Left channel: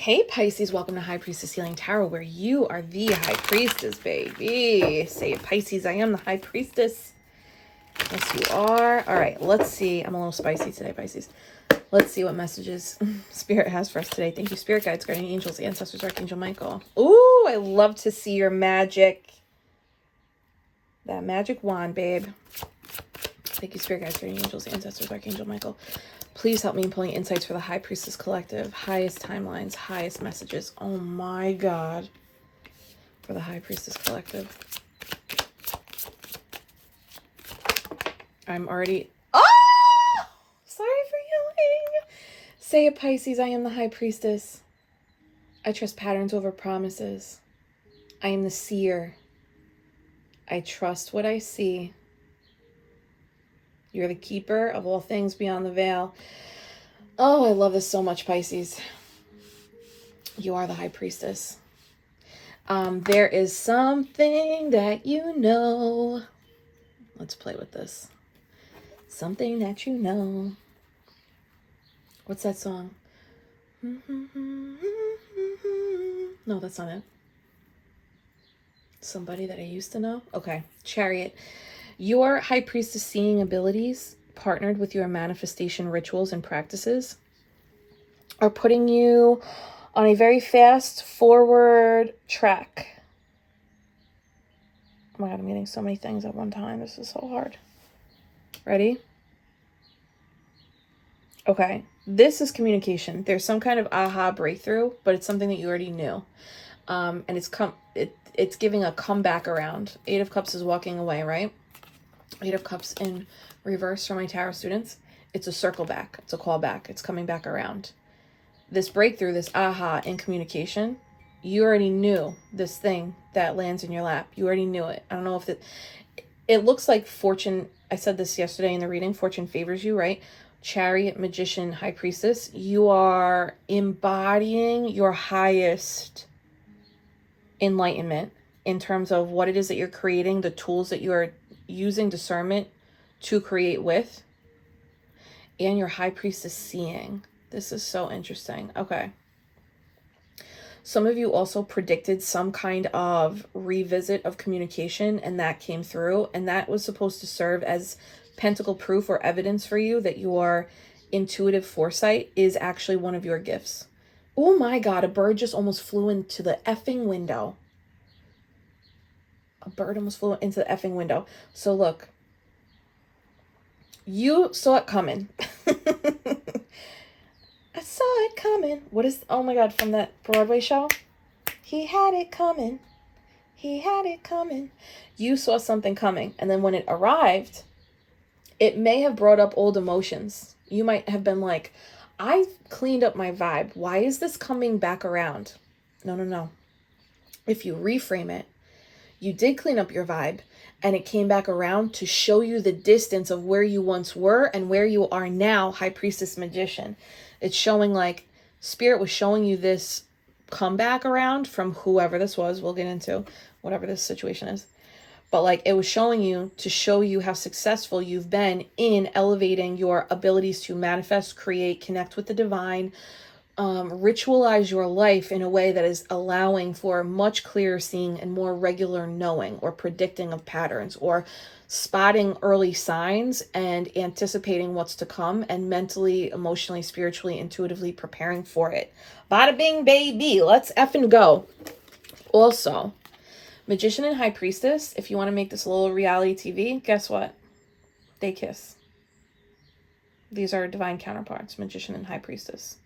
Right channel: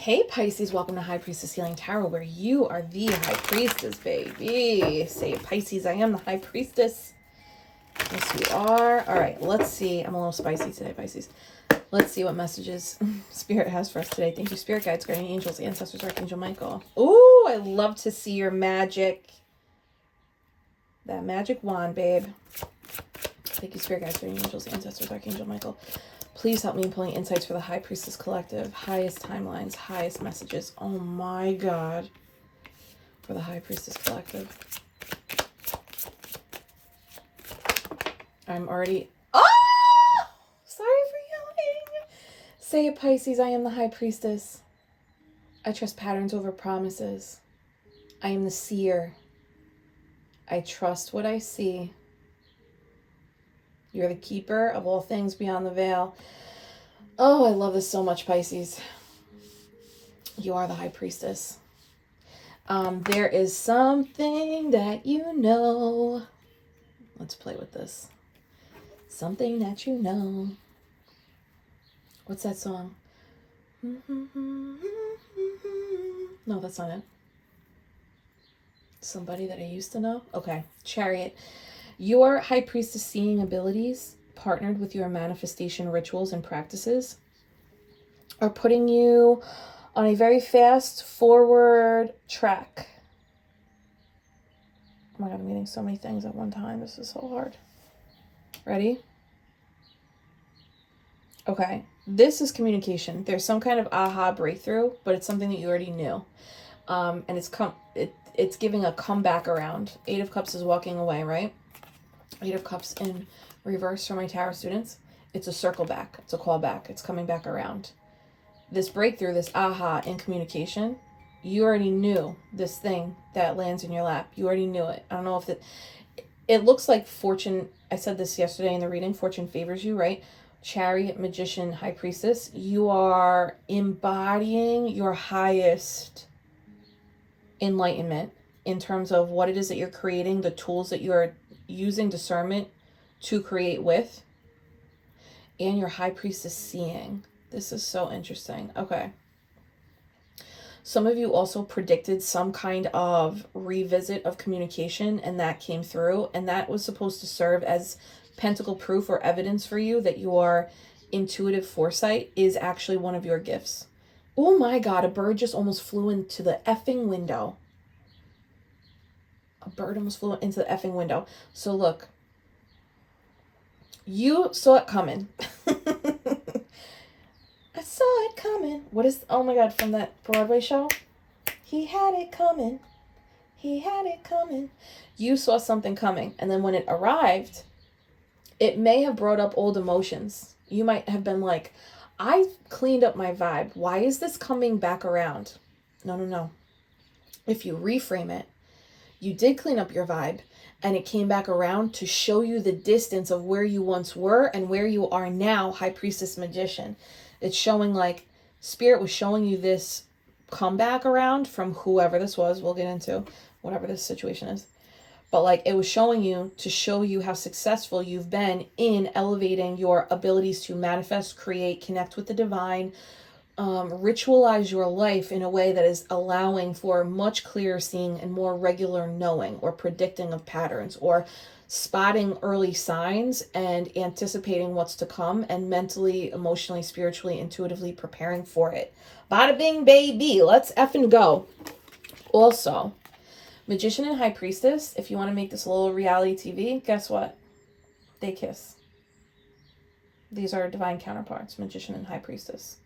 Hey Pisces, welcome to High Priestess Healing Tarot, where you are the High Priestess, baby. Say it, Pisces, I am the High Priestess. Yes, you are. All right, let's see. I'm a little spicy today, Pisces. Let's see what messages Spirit has for us today. Thank you, Spirit Guides, Guardian Angels, Ancestors, Archangel Michael. Ooh, I love to see your magic. That magic wand, babe. Thank you, Spirit Guides, Guardian Angels, Ancestors, Archangel Michael. Please help me in pulling insights for the High Priestess Collective. Highest timelines, highest messages. Oh my God. For the High Priestess Collective. I'm already... Oh! Sorry for yelling. Say it, Pisces. I am the High Priestess. I trust patterns over promises. I am the seer. I trust what I see. You're the keeper of all things beyond the veil. Oh, I love this so much, Pisces. You are the High Priestess. There is something that you know. Let's play with this. Something that you know. What's that song? No, that's not it. Somebody that I used to know? Okay. Chariot. Your High Priestess seeing abilities, partnered with your manifestation rituals and practices, are putting you on a very fast forward track. Oh my God, I'm getting so many things at one time. This is so hard. Ready? Okay. This is communication. There's some kind of aha breakthrough, but it's something that you already knew. And it's giving a comeback around. 8 of Cups is walking away, right? 8 of Cups in reverse for my tarot students. It's a circle back. It's a call back. It's coming back around. This breakthrough, this aha in communication, you already knew this thing that lands in your lap. You already knew it. I don't know if it looks like fortune. I said this yesterday in the reading. Fortune favors you, right? Chariot, Magician, High Priestess. You are embodying your highest enlightenment in terms of what it is that you're creating, the tools that you are using discernment to create with, and your High Priestess seeing. This is so interesting. Okay. Some of you also predicted some kind of revisit of communication, and that came through, and that was supposed to serve as pentacle proof or evidence for you that your intuitive foresight is actually one of your gifts. Oh my God, a bird just almost flew into the effing window. A bird almost flew into the effing window. So look, you saw it coming. I saw it coming. What is, oh my God, from that Broadway show? He had it coming. He had it coming. You saw something coming. And then when it arrived, it may have brought up old emotions. You might have been like, I cleaned up my vibe. Why is this coming back around? No. If you reframe it, you did clean up your vibe, and it came back around to show you the distance of where you once were and where you are now, High Priestess Magician. It's showing like Spirit was showing you this comeback around from whoever this was. We'll get into whatever this situation is. But like it was showing you to show you how successful you've been in elevating your abilities to manifest, create, connect with the divine, ritualize your life in a way that is allowing for much clearer seeing and more regular knowing or predicting of patterns or spotting early signs and anticipating what's to come and mentally, emotionally, spiritually, intuitively preparing for it. Bada bing, baby. Let's effing go. Also, Magician and High Priestess, if you want to make this a little reality TV, guess what? They kiss. These are divine counterparts, Magician and High Priestess.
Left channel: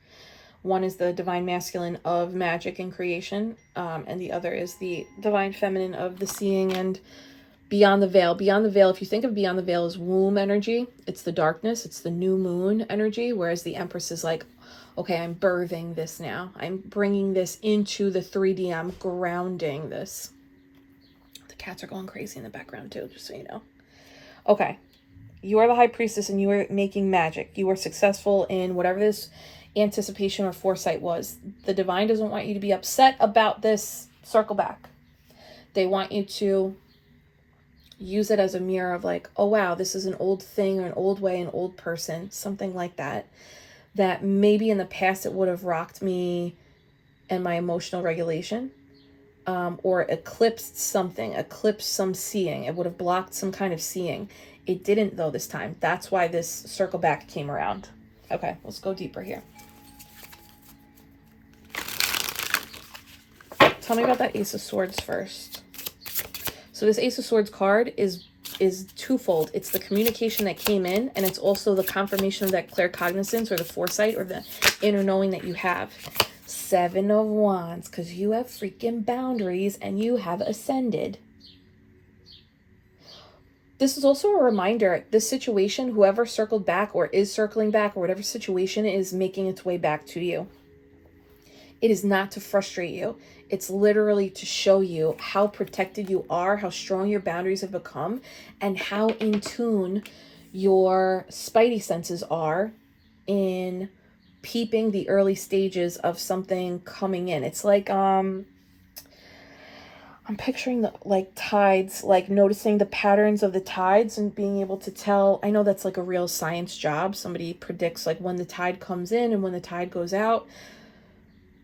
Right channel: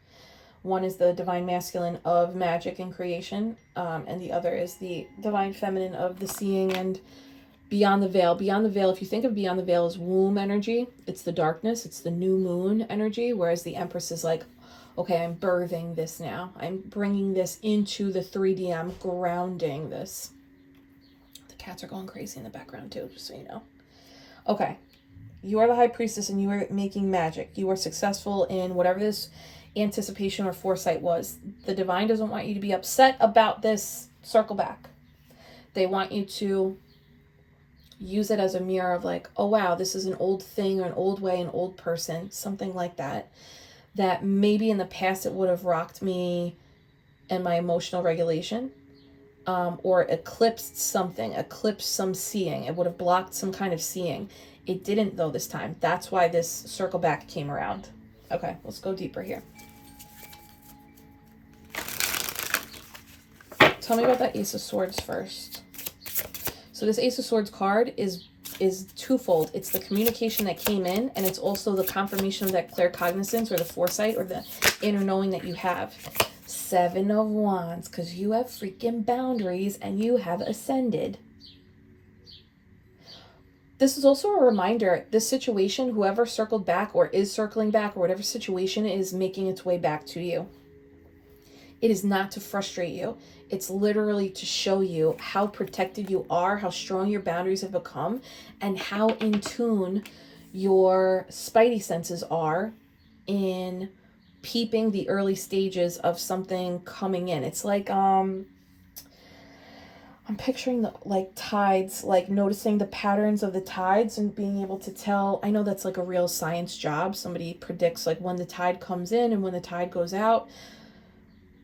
One is the divine masculine of magic and creation, and the other is the divine feminine of the seeing and beyond the veil. Beyond the veil, if you think of beyond the veil as womb energy, it's the darkness, it's the new moon energy, whereas the Empress is like, okay, I'm birthing this now. I'm bringing this into the 3D. I'm grounding this. The cats are going crazy in the background too, just so you know. Okay, you are the High Priestess and you are making magic. You are successful in whatever this anticipation or foresight was. The divine doesn't want you to be upset about this circle back. They want you to use it as a mirror of like, oh wow, this is an old thing or an old way, an old person, something like that, that maybe in the past it would have rocked me and my emotional regulation, or eclipsed something, eclipsed some seeing. It would have blocked some kind of seeing. It didn't though this time. That's why this circle back came around. Okay, let's go deeper here. Tell me about that Ace of Swords first. So this Ace of Swords card is twofold. It's the communication that came in, and it's also the confirmation of that claircognizance or the foresight or the inner knowing that you have. Seven of Wands, because you have freaking boundaries and you have ascended. This is also a reminder, this situation, whoever circled back or is circling back or whatever situation is making its way back to you. It is not to frustrate you. It's literally to show you how protected you are, how strong your boundaries have become, and how in tune your spidey senses are in peeping the early stages of something coming in. It's like, I'm picturing the like tides, like noticing the patterns of the tides and being able to tell. I know that's like a real science job. Somebody predicts like when the tide comes in and when the tide goes out.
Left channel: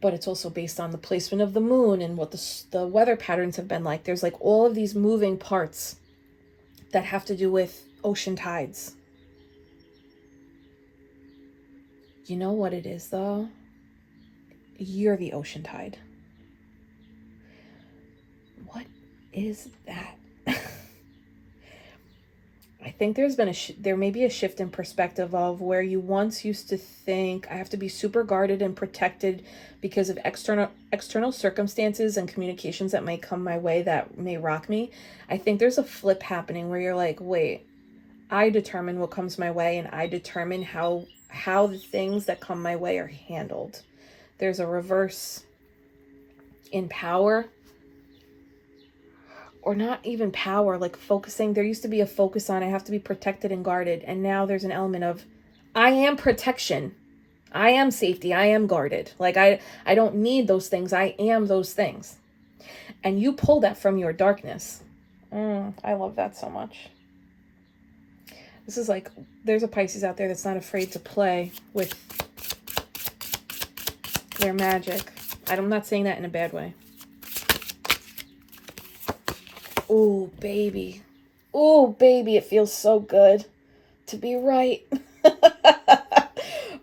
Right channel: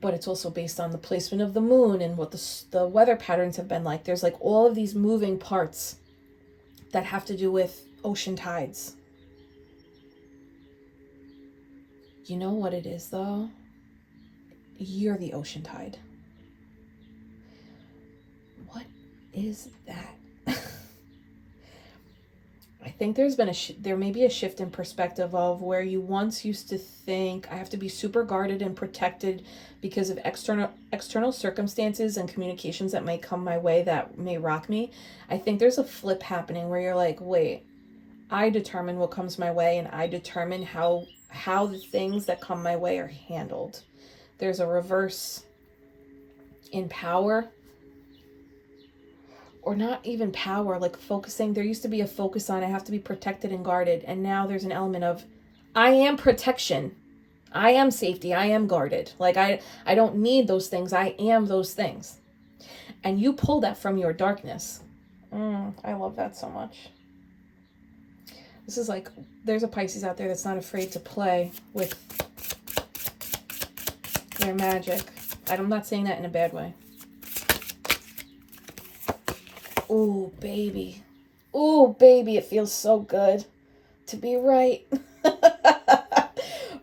But it's also based on the placement of the moon and what the weather patterns have been like. There's like all of these moving parts that have to do with ocean tides. You know what it is though? You're the ocean tide. What is that? I think there's been there may be a shift in perspective of where you once used to think I have to be super guarded and protected because of external circumstances and communications that may come my way that may rock me. I think there's a flip happening where you're like, wait, I determine what comes my way and I determine how the things that come my way are handled. There's a reverse in power. Or not even power, like focusing. There used to be a focus on I have to be protected and guarded. And now there's an element of I am protection. I am safety. I am guarded. Like I don't need those things. I am those things. And you pull that from your darkness. I love that so much. This is like, there's a Pisces out there that's not afraid to play with their magic. I'm not saying that in a bad way. Oh, baby. Oh, baby, it feels so good to be right.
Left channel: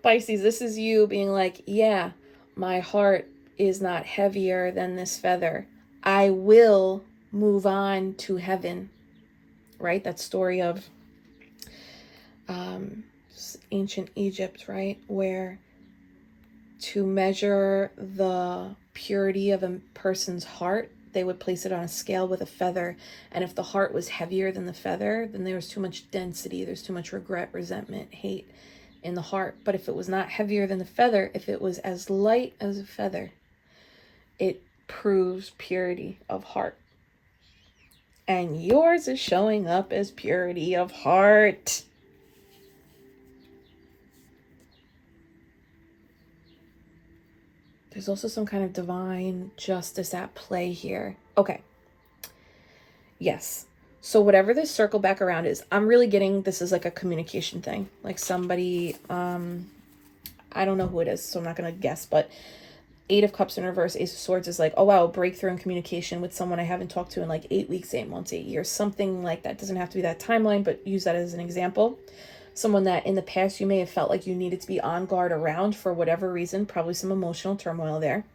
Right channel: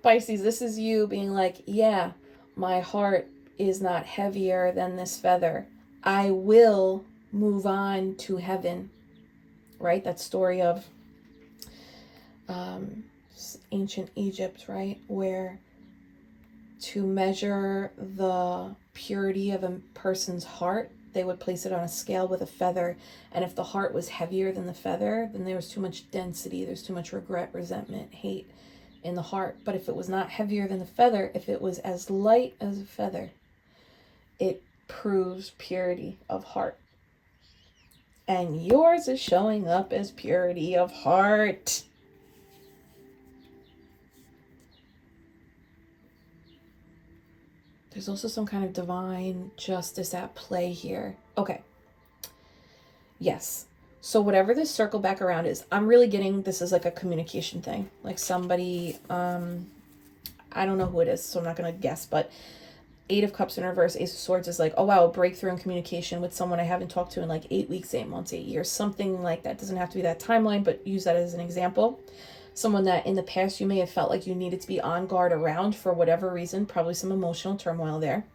Pisces, this is you being like, yeah, my heart is not heavier than this feather. I will move on to heaven. Right? That story of ancient Egypt, right? Where to measure the purity of a person's heart, they would place it on a scale with a feather. And if the heart was heavier than the feather, then there was too much density. There's too much regret, resentment, hate in the heart. But if it was not heavier than the feather, if it was as light as a feather, it proves purity of heart. And yours is showing up as purity of heart. There's also some kind of divine justice at play here. Okay. Yes. So whatever this circle back around is, I'm really getting this is like a communication thing. Like somebody, I don't know who it is, so I'm not going to guess, but Eight of Cups in reverse, Ace of Swords is like, oh wow, breakthrough in communication with someone I haven't talked to in like 8 weeks, 8 months, 8 years, something like that. Doesn't have to be that timeline, but use that as an example. Someone that in the past you may have felt like you needed to be on guard around for whatever reason, probably some emotional turmoil there.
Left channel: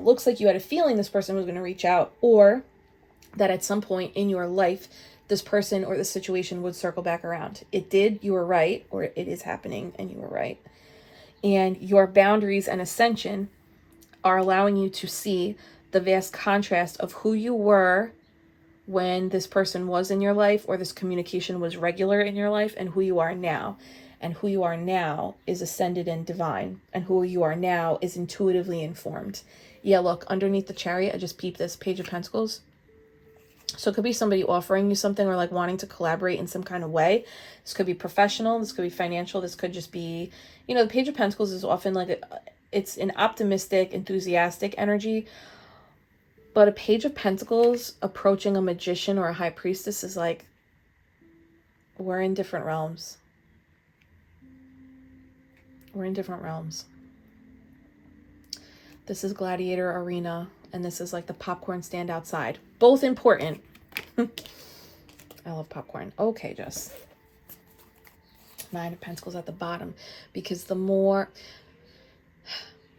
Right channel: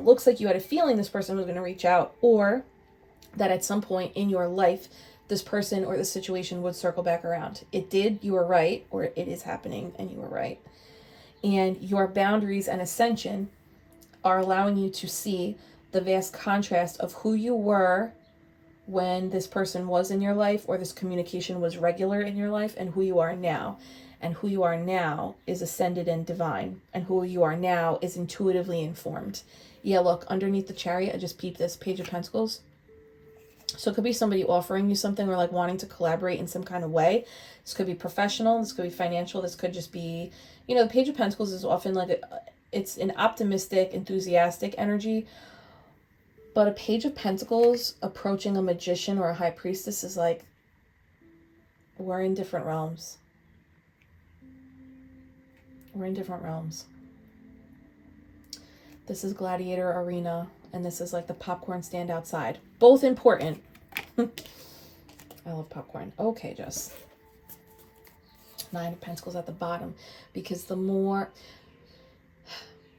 Looks like you had a feeling this person was going to reach out, or that at some point in your life, this person or the situation would circle back around. It did, you were right, or it is happening and you were right. And your boundaries and ascension are allowing you to see the vast contrast of who you were when this person was in your life or this communication was regular in your life and who you are now. And who you are now is ascended and divine. And who you are now is intuitively informed. Yeah, look, underneath the Chariot, I just peeped this Page of Pentacles. So it could be somebody offering you something or like wanting to collaborate in some kind of way. This could be professional. This could be financial. This could just be, you know, the Page of Pentacles is often like, it's an optimistic, enthusiastic energy. But a Page of Pentacles approaching a magician or a high priestess is like, we're in different realms. We're in different realms. This is Gladiator Arena, and this is like the popcorn stand outside. Both important. I love popcorn. Okay, Jess. 9 of Pentacles at the bottom, because the more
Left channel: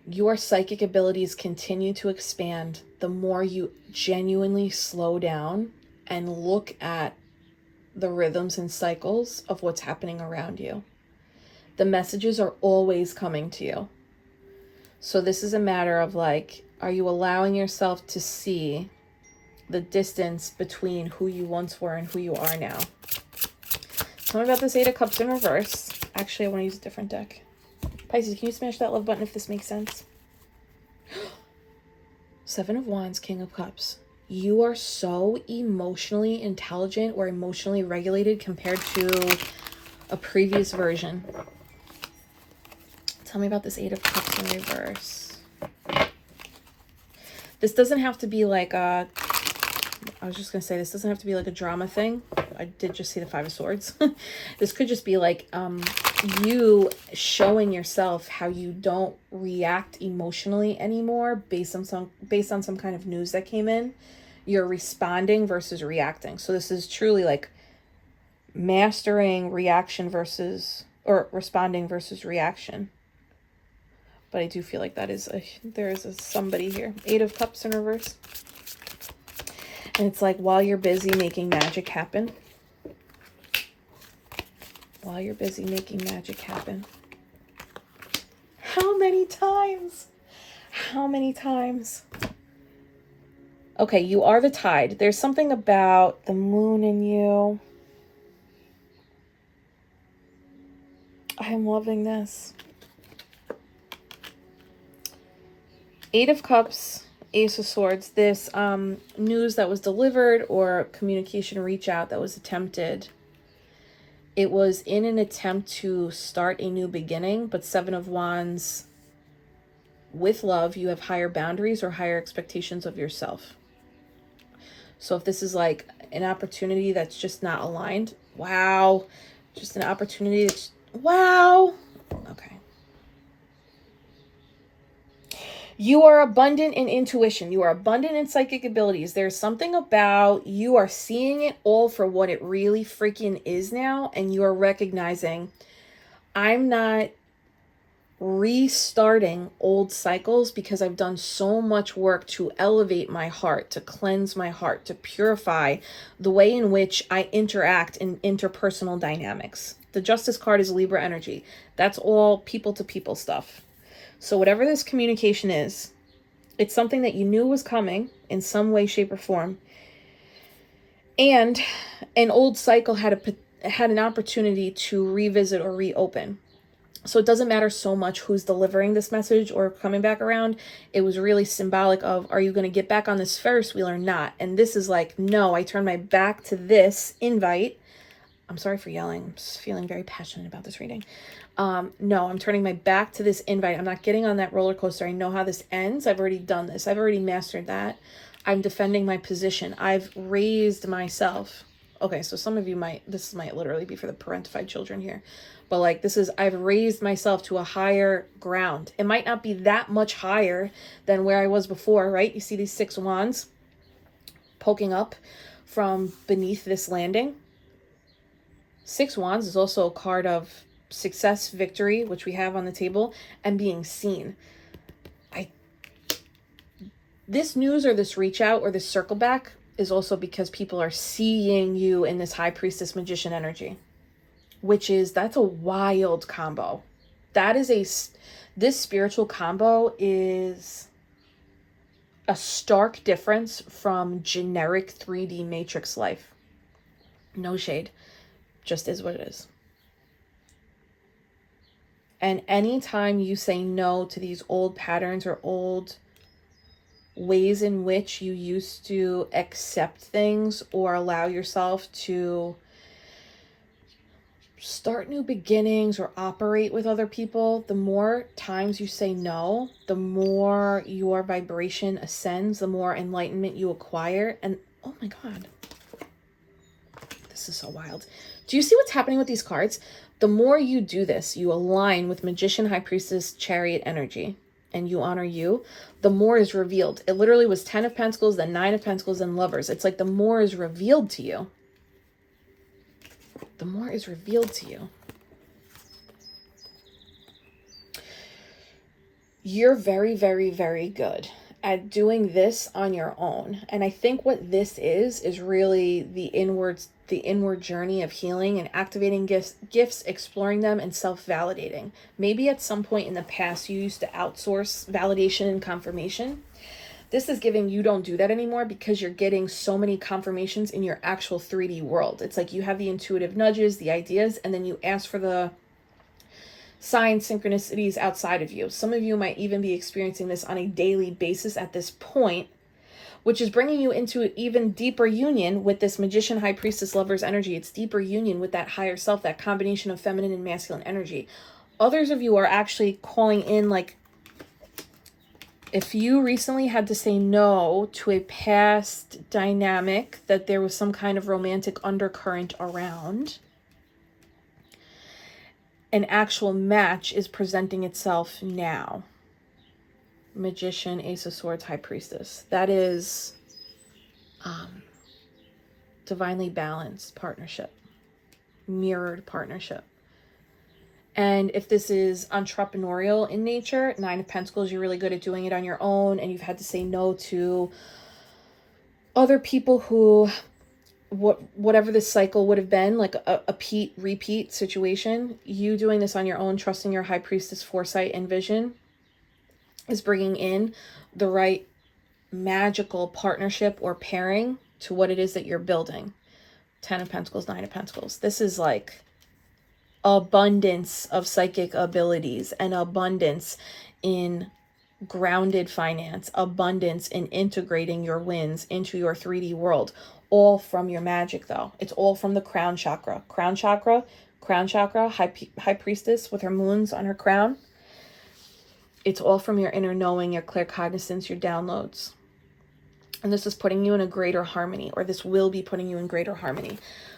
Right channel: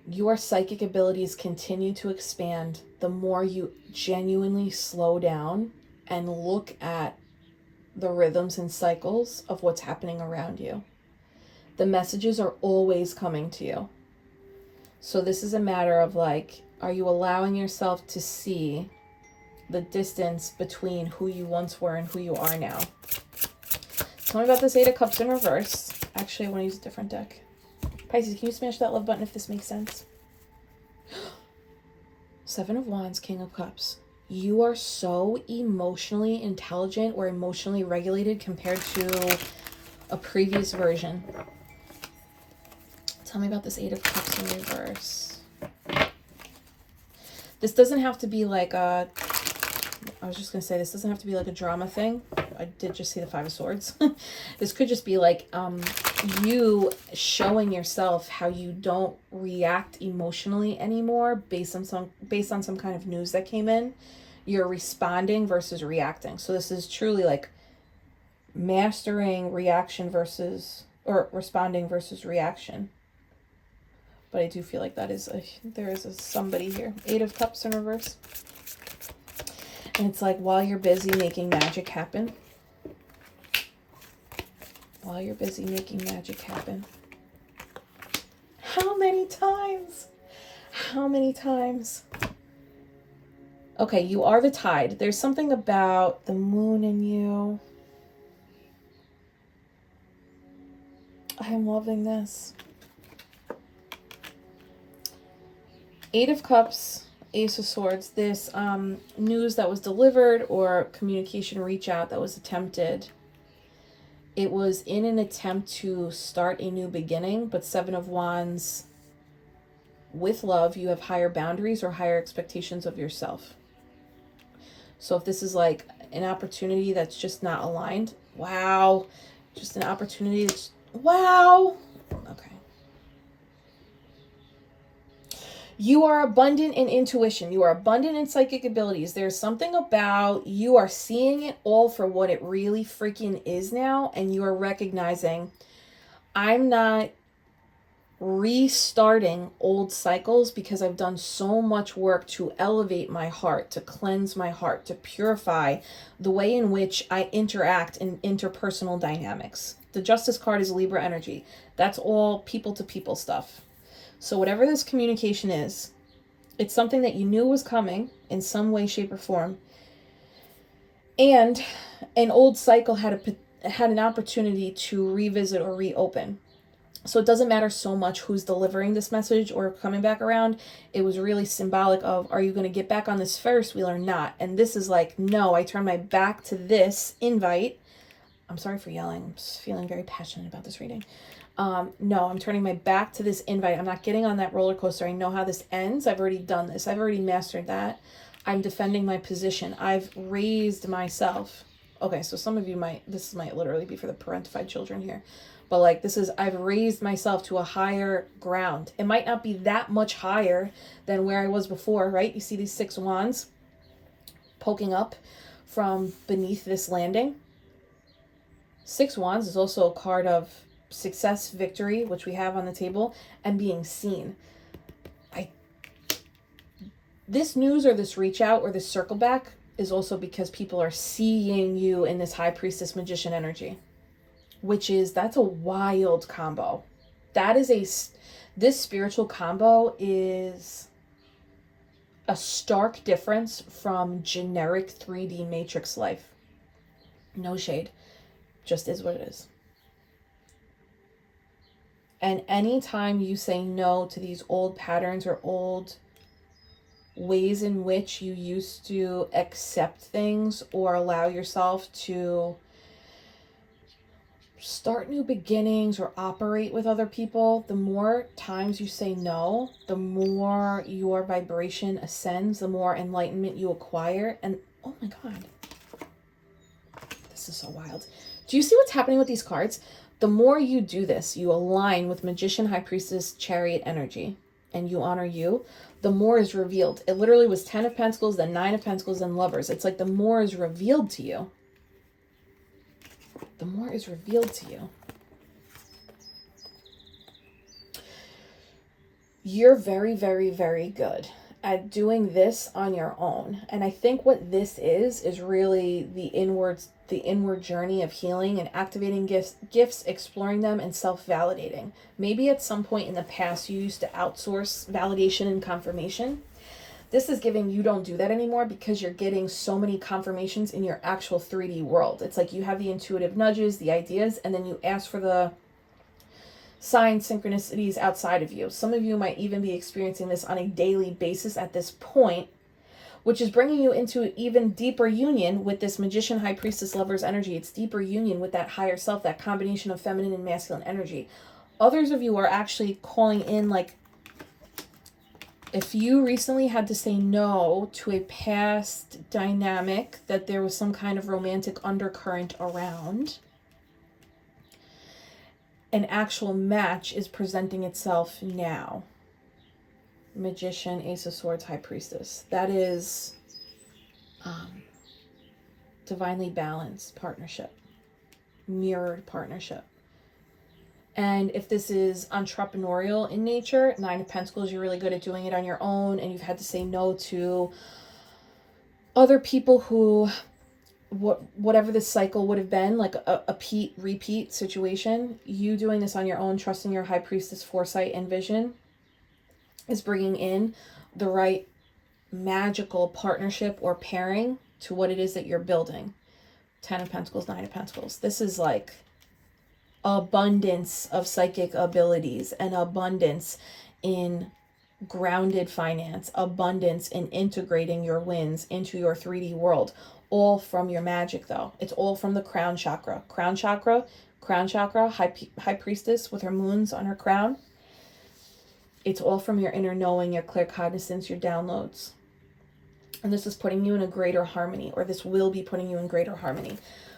your psychic abilities continue to expand, the more you genuinely slow down and look at the rhythms and cycles of what's happening around you. The messages are always coming to you. So this is a matter of like, are you allowing yourself to see the distance between who you once were and who you are now? Tell me about this 8 of Cups in reverse. Actually, I want to use a different deck. Pisces, can you smash that love button if this makes sense? 7 of Wands, King of Cups. You are so emotionally intelligent or emotionally regulated compared to a previous version. Tell me about this 8 of Cups in reverse. This doesn't have to be like a... I was just going to say, this doesn't have to be like a drama thing. I did just see the 5 of Swords. This could just be like you showing yourself how you don't react emotionally anymore based on some kind of news that came in. You're responding versus reacting. So this is truly like mastering reaction versus, or responding versus reaction. But I do feel like that is there is somebody here. 8 of Cups in reverse. And it's like, while you're busy making magic happen. While you're busy making magic happen. How many times? How many times? Okay, you are the tide. There's something about the moon in you. I am loving this. 8 of Cups, Ace of Swords. This news that was delivered or communication reach out that was attempted. It was in an attempt to start a new beginning, but 7 of Wands, with love, you have higher boundaries or higher expectations of yourself. So if this is like an opportunity that's just not aligned, wow, just an opportunity that's, wow, okay. You are abundant in intuition. You are abundant in psychic abilities. There's something about you are seeing it all for what it really freaking is now. And you are recognizing, I'm not restarting old cycles because I've done so much work to elevate my heart, to cleanse my heart, to purify the way in which I interact in interpersonal dynamics. The Justice card is Libra energy. That's all people to people stuff. So whatever this communication is, it's something that you knew was coming in some way, shape, or form. And an old cycle had an opportunity to revisit or reopen. So it doesn't matter so much who's delivering this message or coming back around. It was really symbolic of, are you going to get back on this Ferris wheel or not? And this is like, no, I turn my back to this invite. I'm sorry for yelling. I'm just feeling very passionate about this reading. No, I'm turning my back to this invite. I'm not getting on that roller coaster. I know how this ends. I've already done this. I've already mastered that. I'm defending my position. I've raised myself. Okay, so some of you this might literally be for the parentified children here. But like this is, I've raised myself to a higher ground. It might not be that much higher than where I was before, right? You see these 6 wands poking up from beneath this landing. 6 wands is also a card of success, victory, which we have on the table, and being seen. This news or this reach out or this circle back is also because people are seeing you in this High Priestess Magician energy, which is, that's a wild combo. That is this spiritual combo is a stark difference from generic 3D Matrix life. No shade, just is what it is. And anytime you say no to these old patterns or old ways in which you used to accept things or allow yourself to start new beginnings or operate with other people, the more times you say no, the more your vibration ascends, the more enlightenment you acquire. And oh my God, this is so wild. Do you see what's happening with these cards? The more you do this, you align with Magician, High Priestess, Chariot energy. and you honor you, the more is revealed. It literally was 10 of Pentacles, then 9 of Pentacles, and Lovers. It's like the more is revealed to you. The more is revealed to you. You're very, very, very good at doing this on your own. And I think what this is really the inward journey of healing and activating gifts, exploring them, and self-validating. Maybe at some point in the past you used to outsource validation and confirmation. This is giving you don't do that anymore because you're getting so many confirmations in your actual 3D world. It's like you have the intuitive nudges, the ideas, and then you ask for the signs, synchronicities outside of you. Some of you might even be experiencing this on a daily basis at this point, which is bringing you into an even deeper union with this Magician, High Priestess, Lovers energy. It's deeper union with that higher self, that combination of feminine and masculine energy. Others of you are actually calling in, like, if you recently had to say no to a past dynamic that there was some kind of romantic undercurrent around, an actual match is presenting itself now. Magician, Ace of Swords, High Priestess. That is divinely balanced partnership, mirrored partnership. And if this is entrepreneurial in nature, 9 of Pentacles, you're really good at doing it on your own, and you've had to say no to other people who, whatever this cycle would have been, like a repeat situation. You doing this on your own, trusting your High Priestess foresight and vision, is bringing in the right magical partnership or pairing to what it is that you're building. 10 of Pentacles, 9 of Pentacles. This is like abundance of psychic abilities and abundance in grounded finance, abundance in integrating your wins into your 3D world, all from your magic though. It's all from the crown chakra. Crown chakra, high priestess with her moons on her crown. It's all from your inner knowing, your claircognizance, your downloads. And this is putting you in a greater harmony, or this will be putting you in greater harmony.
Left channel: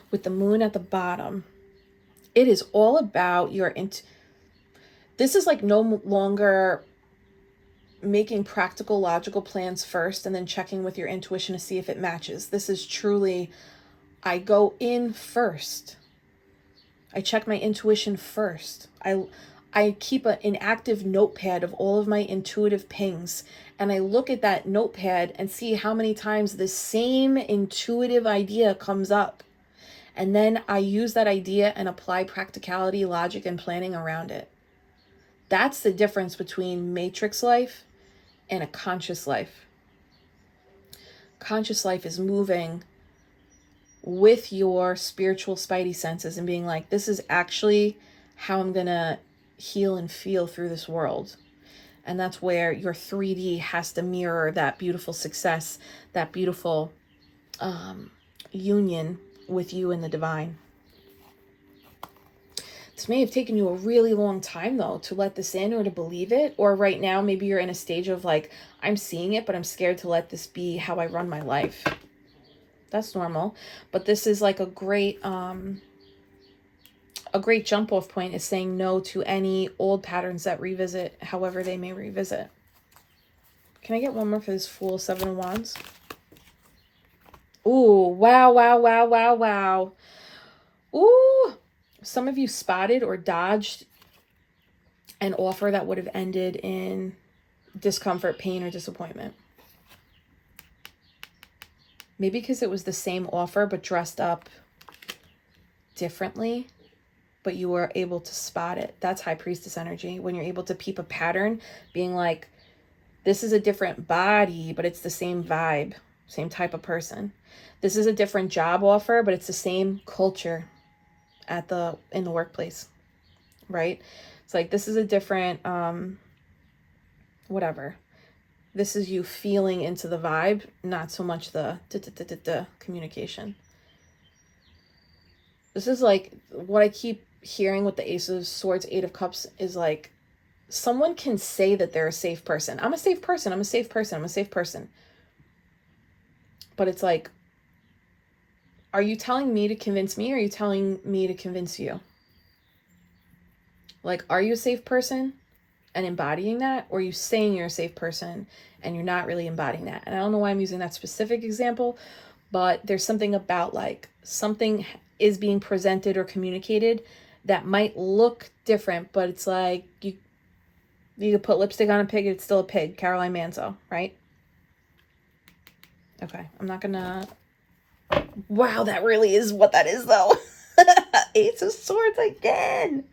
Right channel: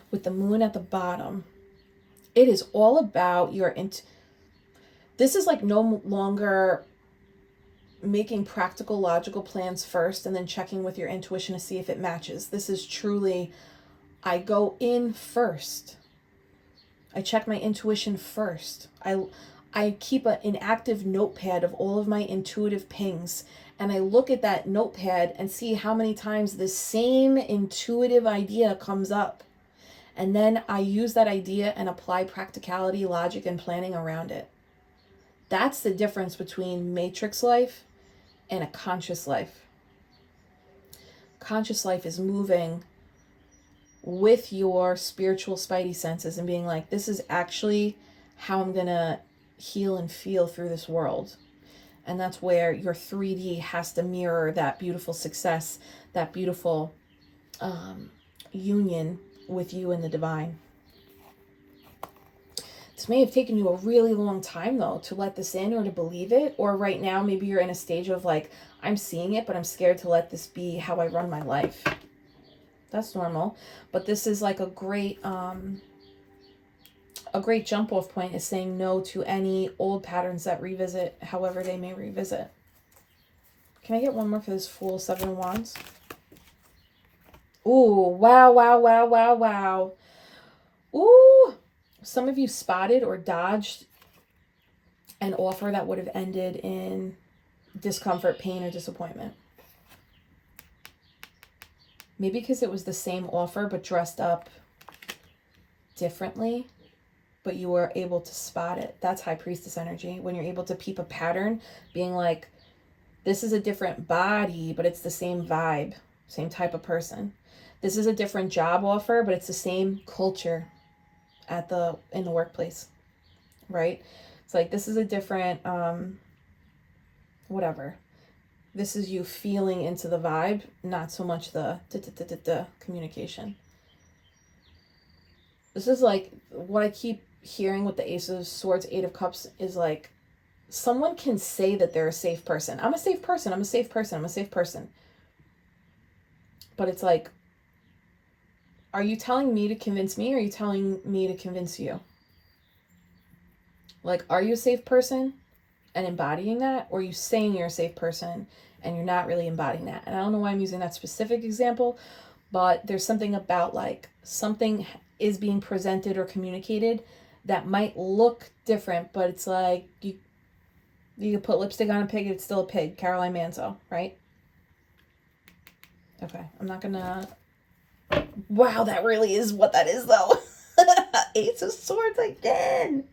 With the moon at the bottom, it is all about your this is like no longer making practical, logical plans first and then checking with your intuition to see if it matches. This is truly, I go in first. I check my intuition first. I keep an active notepad of all of my intuitive pings, and I look at that notepad and see how many times the same intuitive idea comes up. And then I use that idea and apply practicality, logic, and planning around it. That's the difference between matrix life and a conscious life. Conscious life is moving with your spiritual spidey senses and being like, this is actually how I'm going to heal and feel through this world. And that's where your 3D has to mirror that beautiful success, that beautiful union with you and the divine. This may have taken you a really long time though to let this in or to believe it, or right now maybe you're in a stage of like, I'm seeing it but I'm scared to let this be how I run my life. That's normal, but this is like a great jump off point, is saying no to any old patterns that revisit however they may revisit. Can I get one more for this Fool, 7 of Wands? Ooh, wow, wow, wow, wow, wow. Ooh, some of you spotted or dodged an offer that would have ended in discomfort, pain, or disappointment. Maybe because it was the same offer but dressed up differently, but you were able to spot it. That's High Priestess energy. When you're able to peep a pattern, being like, this is a different body, but it's the same vibe, same type of person. This is a different job offer, but it's the same culture in the workplace, right? It's like, this is a different, whatever. This is you feeling into the vibe, not so much the communication. This is like what I keep hearing with the Ace of Swords, 8 of Cups, is like, someone can say that they're a safe person. I'm a safe person. I'm a safe person. I'm a safe person. But it's like, are you telling me to convince me, or are you telling me to convince you? Like, are you a safe person? and embodying that, or you saying you're a safe person and you're not really embodying that. And I don't know why I'm using that specific example, but there's something about like something is being presented or communicated that might look different, but it's like you could put lipstick on a pig, it's still a pig. Caroline Manzo, right? Okay, I'm not gonna... Wow, that really is what that is, though. Ace of Swords again.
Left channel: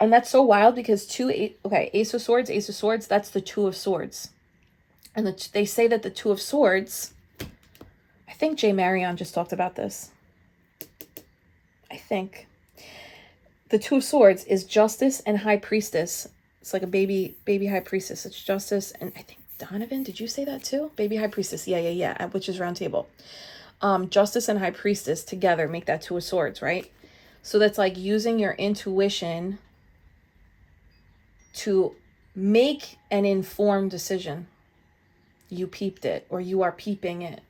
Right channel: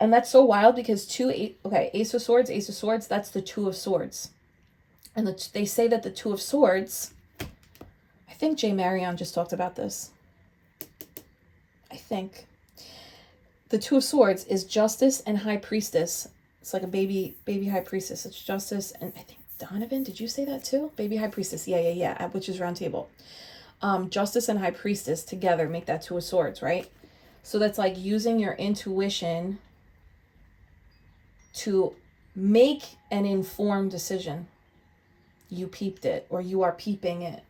And that's so wild because Ace of Swords, that's the Two of Swords. And they say that the Two of Swords, I think Jay Marion just talked about this. I think. The Two of Swords is Justice and High Priestess. It's like a baby High Priestess. It's Justice and I think Donovan, did you say that too? Baby High Priestess, yeah, at Witch's Round Table. Justice and High Priestess together make that Two of Swords, right? So that's like using your intuition to make an informed decision. You peeped it, or you are peeping it.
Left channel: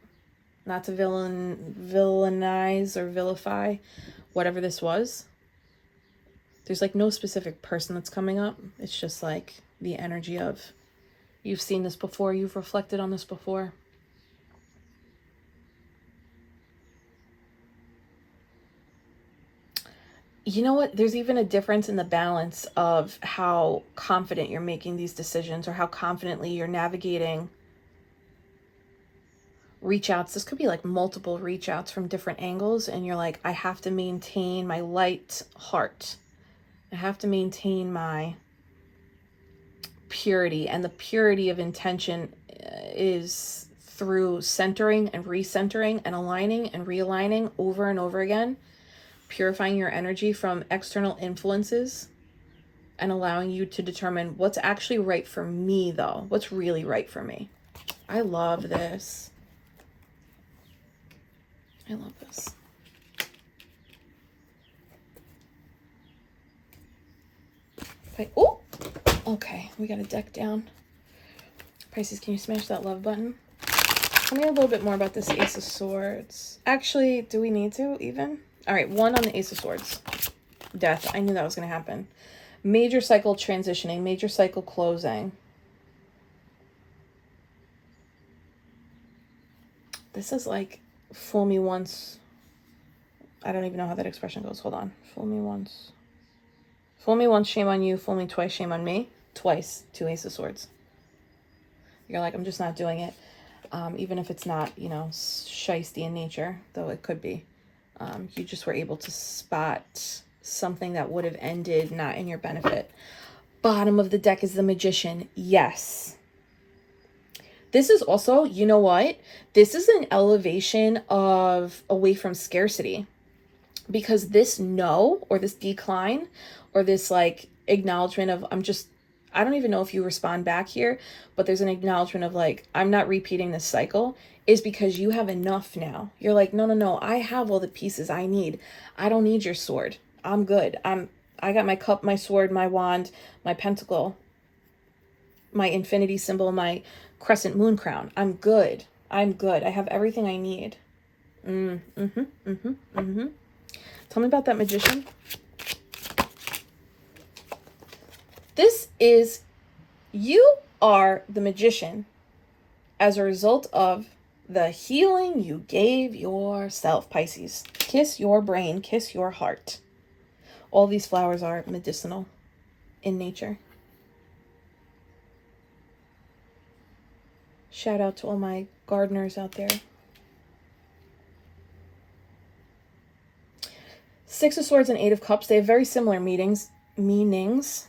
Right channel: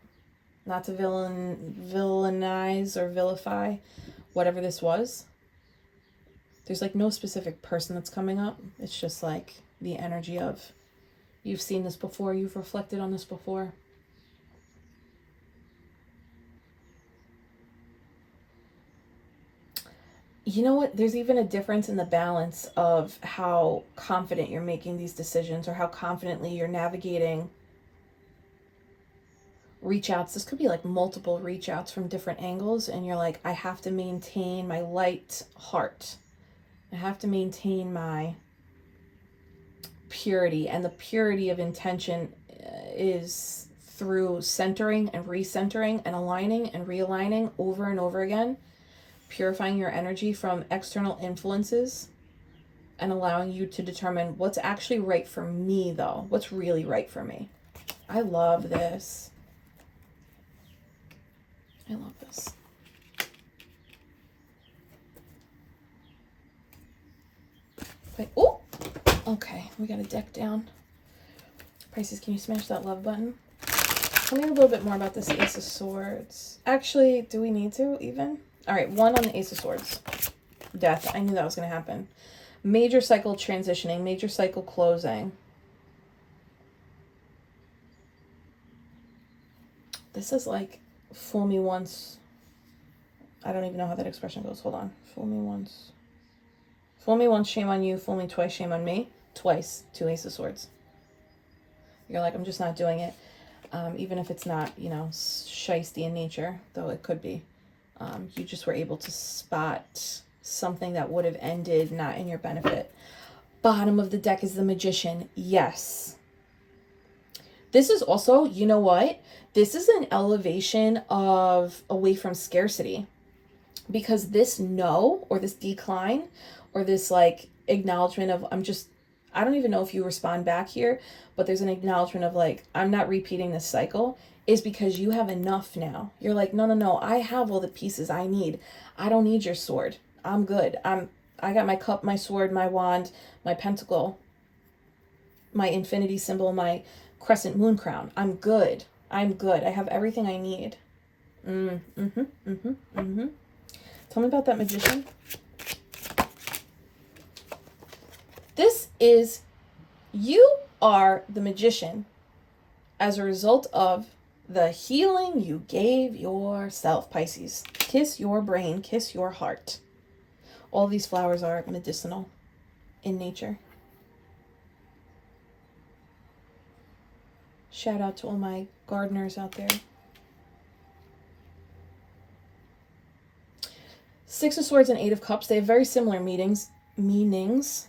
Not to villainize or vilify whatever this was. There's like no specific person that's coming up. It's just like the energy of, you've seen this before, you've reflected on this before. You know what? There's even a difference in the balance of how confident you're making these decisions or how confidently you're navigating reach outs. This could be like multiple reach outs from different angles. And you're like, I have to maintain my light heart. I have to maintain my purity. And the purity of intention is through centering and recentering and aligning and realigning over and over again. Purifying your energy from external influences and allowing you to determine what's actually right for me, though. What's really right for me. I love this. I love this. Wait, oh, okay, we got a deck down. Pisces, can you smash that love button? Tell me a little bit more about this Ace of Swords. Actually, do we need to even? All right, 1 on the Ace of Swords. Death. I knew that was going to happen. Major cycle transitioning. Major cycle closing. This is like, fool me once. I don't even know how that expression goes. Hold on. Fool me once. Fool me once, shame on you. Fool me twice, shame on me. Twice. 2 Ace of Swords. You're like, I'm just not doing it. Even if it's not, you know, shiesty in nature, though it could be. You just were able to spot something that would have ended not in your benefit. Bottom of the deck is the Magician. Yes. This is also, you know what? This is an elevation of away from scarcity. Because this no, or this decline, or this like acknowledgement of I don't even know if you respond back here, but there's an acknowledgement of like, I'm not repeating this cycle, is because you have enough now. You're like, no, I have all the pieces I need. I don't need your sword. I'm good. I got my cup, my sword, my wand, my pentacle, my infinity symbol, my crescent moon crown. I'm good. I have everything I need. Tell me about that Magician. This is, you are the Magician as a result of the healing you gave yourself, Pisces. Kiss your brain, kiss your heart. All these flowers are medicinal in nature. Shout out to all my gardeners out there. 6 of Swords and 8 of Cups. They have very similar meanings,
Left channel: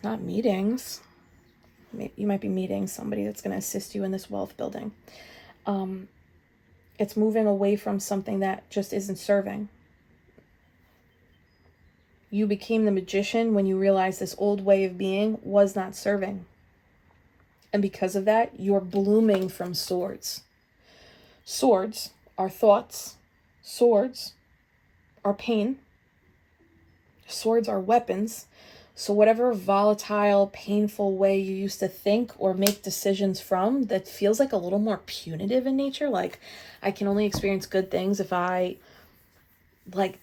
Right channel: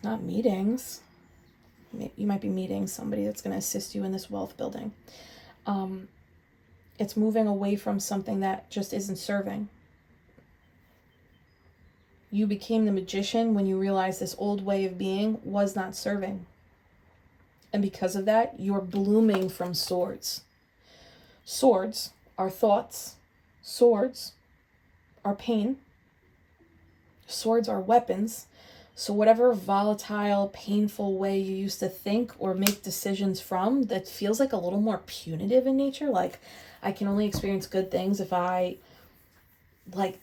not meetings. You might be meeting somebody that's going to assist you in this wealth building. It's moving away from something that just isn't serving. You became the Magician when you realized this old way of being was not serving. And because of that, you're blooming from swords. Swords are thoughts. Swords are pain. Swords are weapons. So whatever volatile, painful way you used to think or make decisions from that feels like a little more punitive in nature, like I can only experience good things if I, like,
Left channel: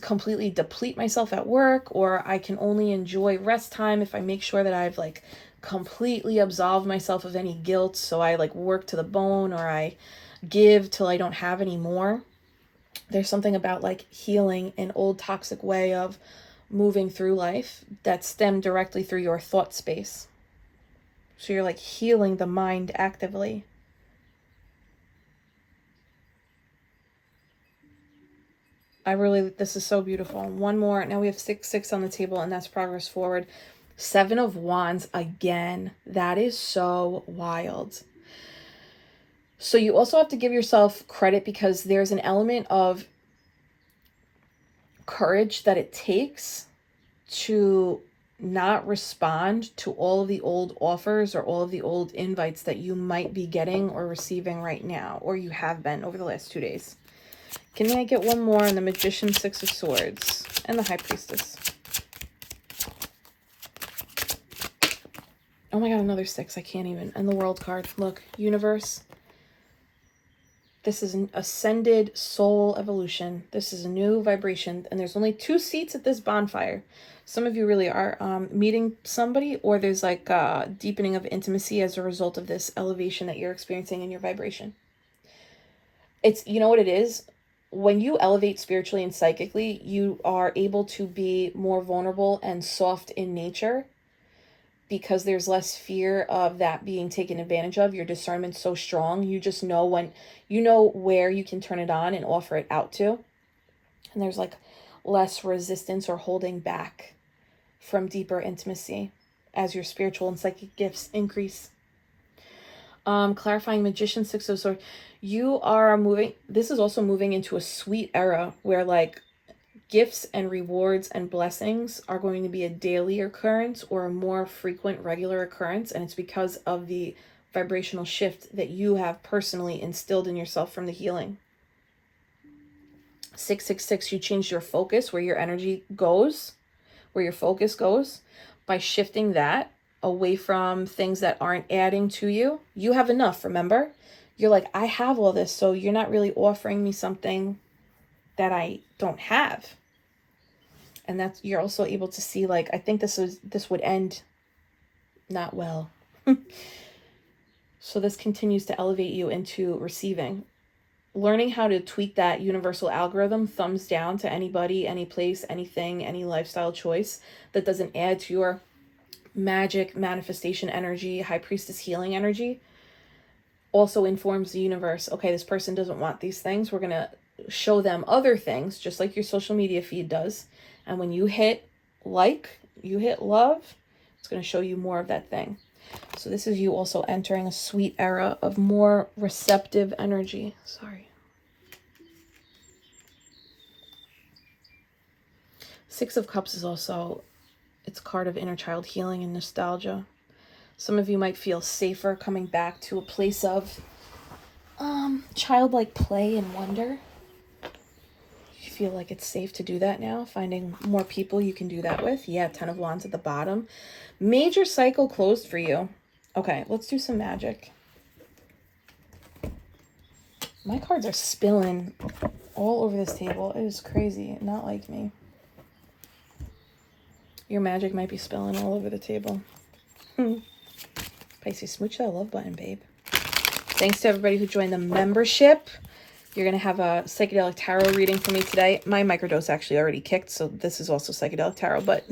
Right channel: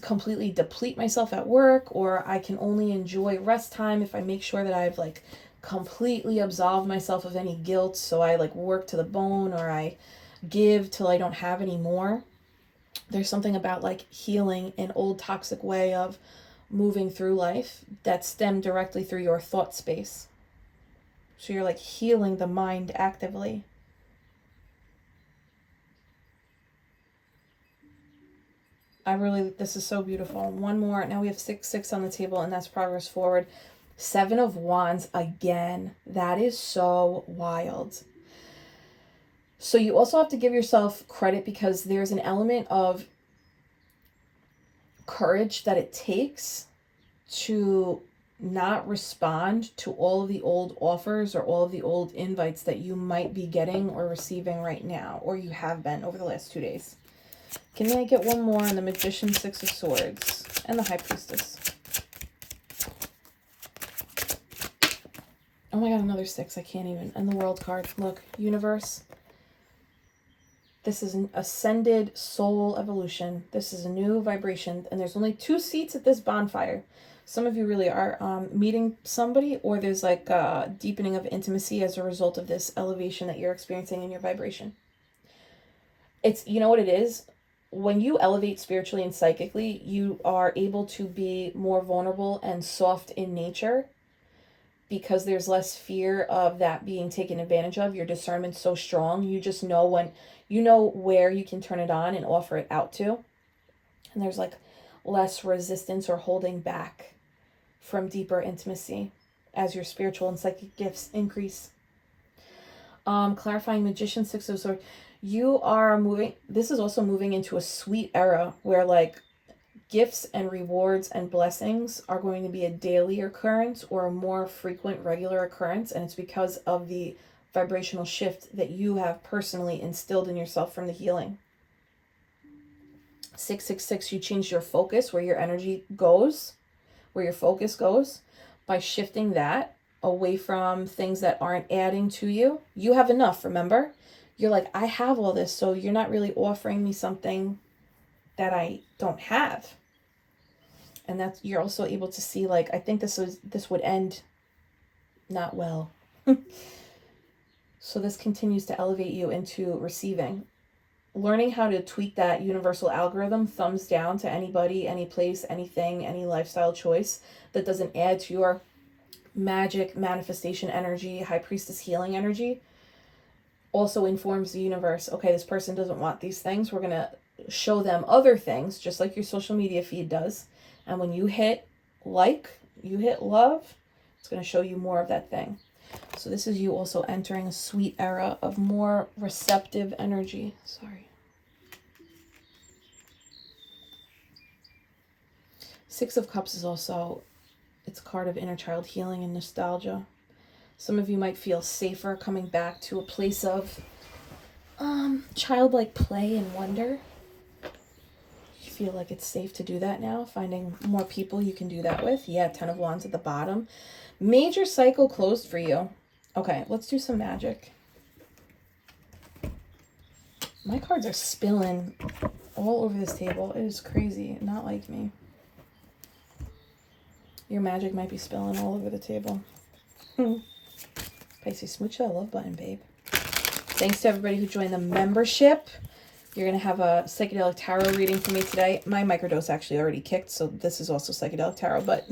completely deplete myself at work, or I can only enjoy rest time if I make sure that I've like completely absolved myself of any guilt. So I like work to the bone, or I give till I don't have any more. There's something about like healing an old toxic way of moving through life that stemmed directly through your thought space. So you're like healing the mind actively. This is so beautiful. One more. Now we have 6 on the table, and that's progress forward. 7 of Wands again. That is so wild. So you also have to give yourself credit, because there's an element of courage that it takes to not respond to all of the old offers or all of the old invites that you might be getting or receiving right now, or you have been over the last 2 days. Can I get one more on the Magician, 6 of Swords, and the High Priestess? Oh my God, another 6. I can't even. And the World card. Look, Universe. This is an ascended soul evolution. This is a new vibration. And there's only 2 seats at this bonfire. Some of you really are meeting somebody, or there's like a deepening of intimacy as a result of this elevation that you're experiencing in your vibration. It's, you know what it is? When you elevate spiritually and psychically, you are able to be more vulnerable and soft in nature, because there's less fear of that being taken advantage of. Your discernment's so strong. You just know when, you know where you can turn it on and offer it out to. And there's like less resistance or holding back from deeper intimacy as your spiritual and psychic gifts increase. Clarifying Magician, 6 of Swords. You are moving, this is also moving into a sweet era where like gifts and rewards and blessings are going to be a daily occurrence or a more frequent, regular occurrence. And it's because of the vibrational shift that you have personally instilled in yourself from the healing. 666, you changed your focus, where your energy goes, where your focus goes, by shifting that away from things that aren't adding to you. You have enough, remember? You're like, I have all this, so you're not really offering me something that I don't have. And that's, you're also able to see, like, I think this would end not well. So this continues to elevate you into receiving. Learning how to tweak that universal algorithm, thumbs down to anybody, any place, anything, any lifestyle choice that doesn't add to your magic manifestation energy, High Priestess healing energy, also informs the universe. Okay, this person doesn't want these things. We're going to show them other things, just like your social media feed does. And when you hit like, you hit love, it's going to show you more of that thing. So this is you also entering a sweet era of more receptive energy. Sorry. 6 of Cups is also, it's a card of inner child healing and nostalgia. Some of you might feel safer coming back to a place of childlike play and wonder. You feel like it's safe to do that now, finding more people you can do that with. Yeah, 10 of Wands at the bottom. Major cycle closed for you. Okay, let's do some magic. My cards are spilling all over this table. It is crazy. Not like me. Your magic might be spilling all over the table. Pisces, smooch that love button, babe. Thanks to everybody who joined the membership. You're going to have a psychedelic tarot reading for me today. My microdose actually already kicked, so this is also psychedelic tarot, but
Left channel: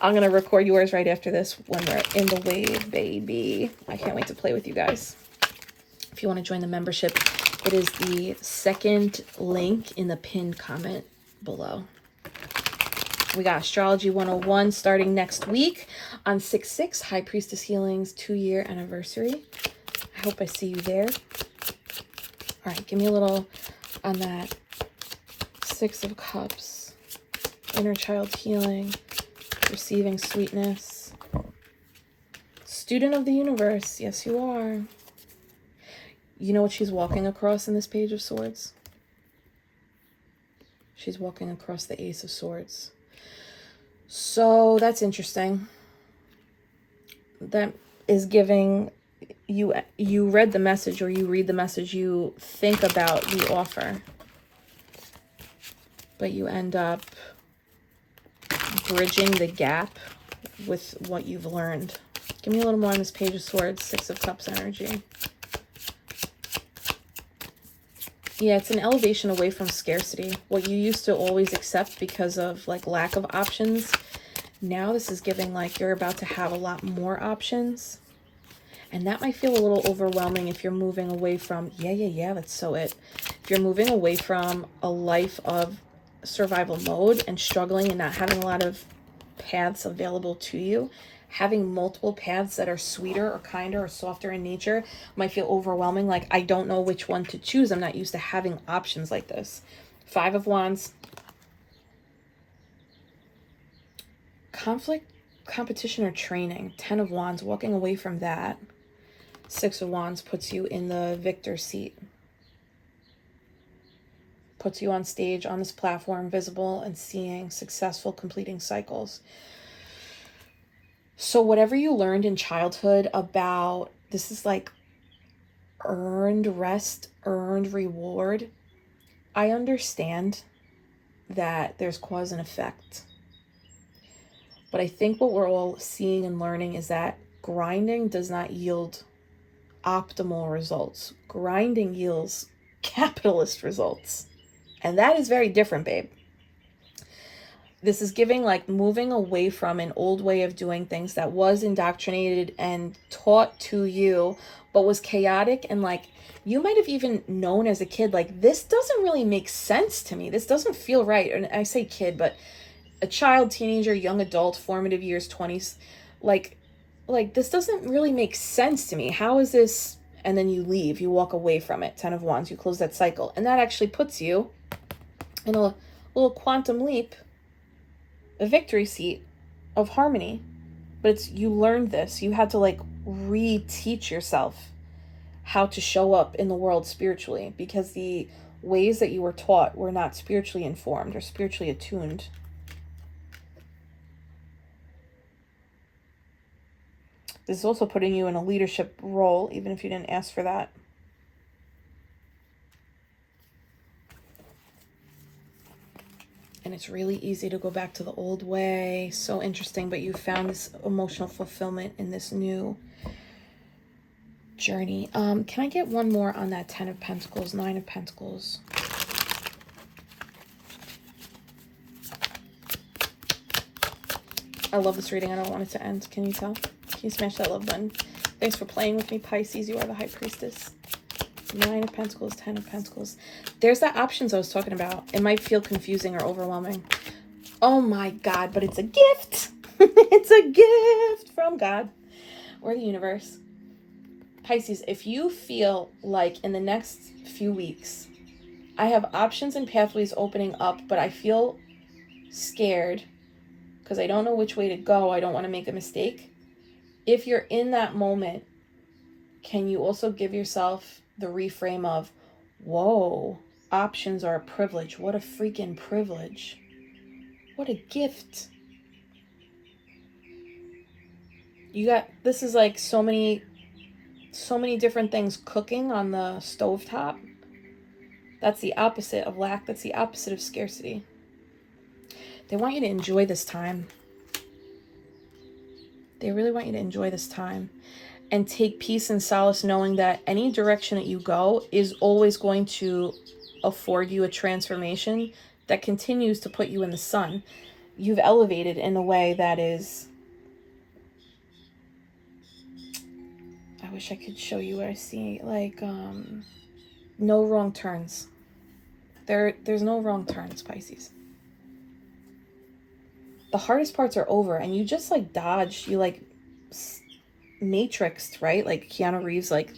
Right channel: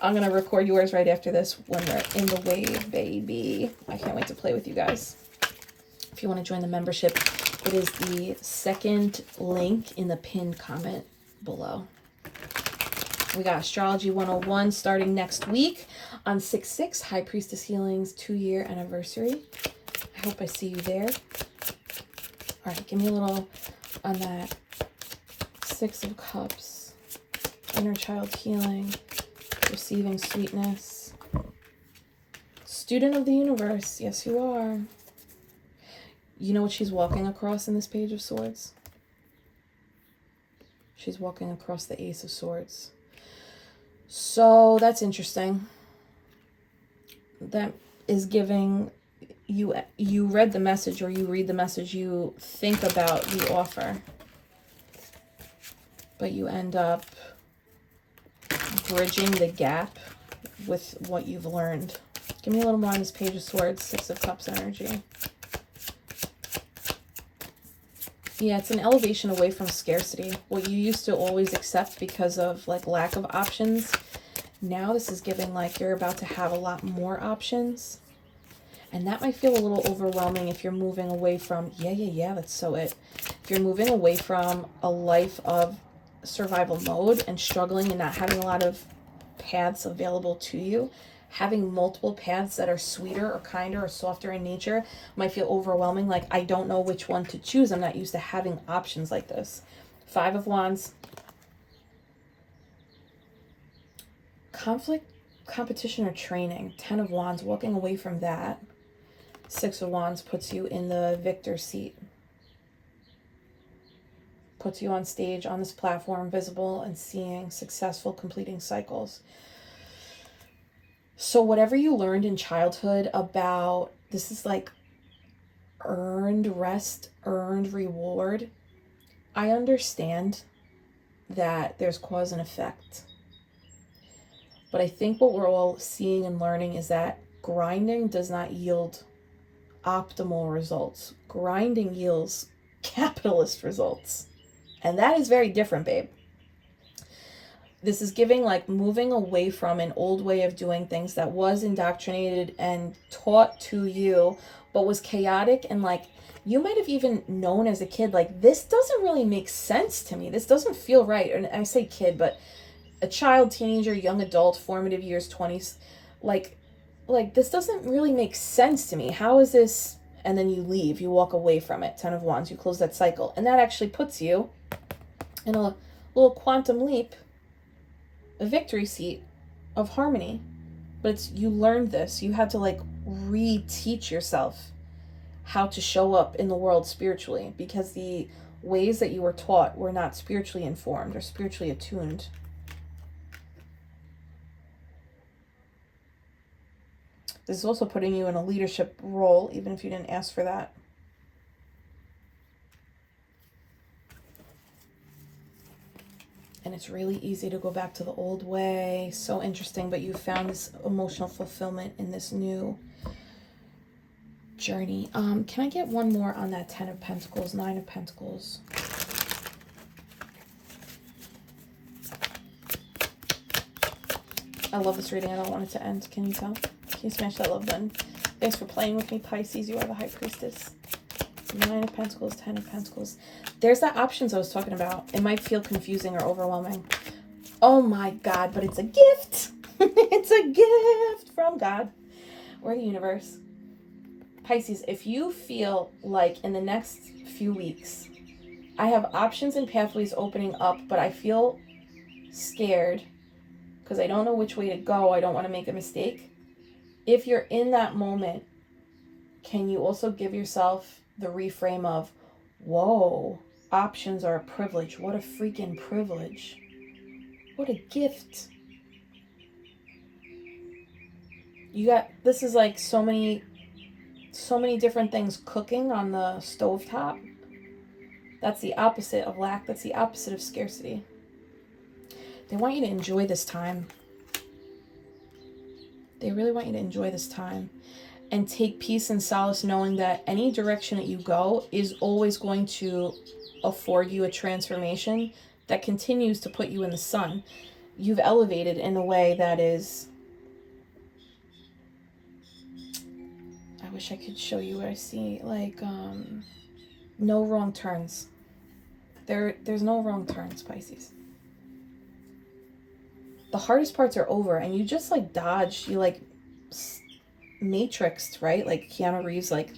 I'm going to record yours right after this when we're in the wave, baby. I can't wait to play with you guys. If you want to join the membership, it is the second link in the pinned comment below. We got Astrology 101 starting next week on 6/6, High Priestess Healing's 2-year anniversary. I hope I see you there. All right, give me a little on that 6 of Cups, inner child healing, receiving sweetness. Student of the universe, yes you are. You know what she's walking across in this Page of Swords? She's walking across the Ace of Swords. So that's interesting. That is giving you read the message, or you read the message, you think about the offer. but you end up bridging the gap with what you've learned. Give me a little more on this Page of Swords, Six of Cups energy. Yeah, it's an elevation away from scarcity. What you used to always accept because of like lack of options. Now this is giving like you're about to have a lot more options. And that might feel a little overwhelming if you're moving away from, yeah, that's so it. If you're moving away from a life of survival mode and struggling and not having a lot of paths available to you, having multiple paths that are sweeter or kinder or softer in nature might feel overwhelming. Like, I don't know which one to choose. I'm not used to having options like this. Five of Wands. Conflict, competition, or training. 10 of Wands, walking away from that. 6 of Wands puts you in the victor seat. Puts you on stage, on this platform, visible and seeing, successful, completing cycles. So whatever you learned in childhood about, this is like earned rest, earned reward. I understand that there's cause and effect. But I think what we're all seeing and learning is that grinding does not yield optimal results. Grinding yields capitalist results. And that is very different, babe. This is giving like moving away from an old way of doing things that was indoctrinated and taught to you, but was chaotic. And like, you might have even known as a kid, like, this doesn't really make sense to me. This doesn't feel right. And I say kid, but a child, teenager, young adult, formative years, 20s, like this doesn't really make sense to me. How is this? And then you leave, you walk away from it. 10 of Wands, you close that cycle. And that actually puts you in a little quantum leap, a victory seat of harmony. But it's, you learned this. You had to like reteach yourself how to show up in the world spiritually, because the ways that you were taught were not spiritually informed or spiritually attuned. This is also putting you in a leadership role, even if you didn't ask for that. And it's really easy to go back to the old way. So interesting, but you found this emotional fulfillment in this new journey. Can I get one more on that 10 of Pentacles, 9 of Pentacles? I love this reading. I don't want it to end. Can you tell? Can you smash that love button? Thanks for playing with me, Pisces. You are the High Priestess. 9 of Pentacles, 10 of Pentacles. There's the options I was talking about. It might feel confusing or overwhelming. Oh my God, but it's a gift. It's a gift from God or the universe. Pisces, if you feel like in the next few weeks, I have options and pathways opening up, but I feel scared because I don't know which way to go. I don't want to make a mistake. If you're in that moment, can you also give yourself the reframe of, whoa, options are a privilege. What a freaking privilege. What a gift. You got, this is like so many different things cooking on the stovetop. That's the opposite of lack. That's the opposite of scarcity. They want you to enjoy this time. They really want you to enjoy this time and take peace and solace knowing that any direction that you go is always going to afford you a transformation that continues to put you in the sun. You've elevated in a way that is, I wish I could show you what I see, like no wrong turns. There's no wrong turns, Pisces. The hardest parts are over and you just like dodged, you like matrixed, right? Like Keanu Reeves like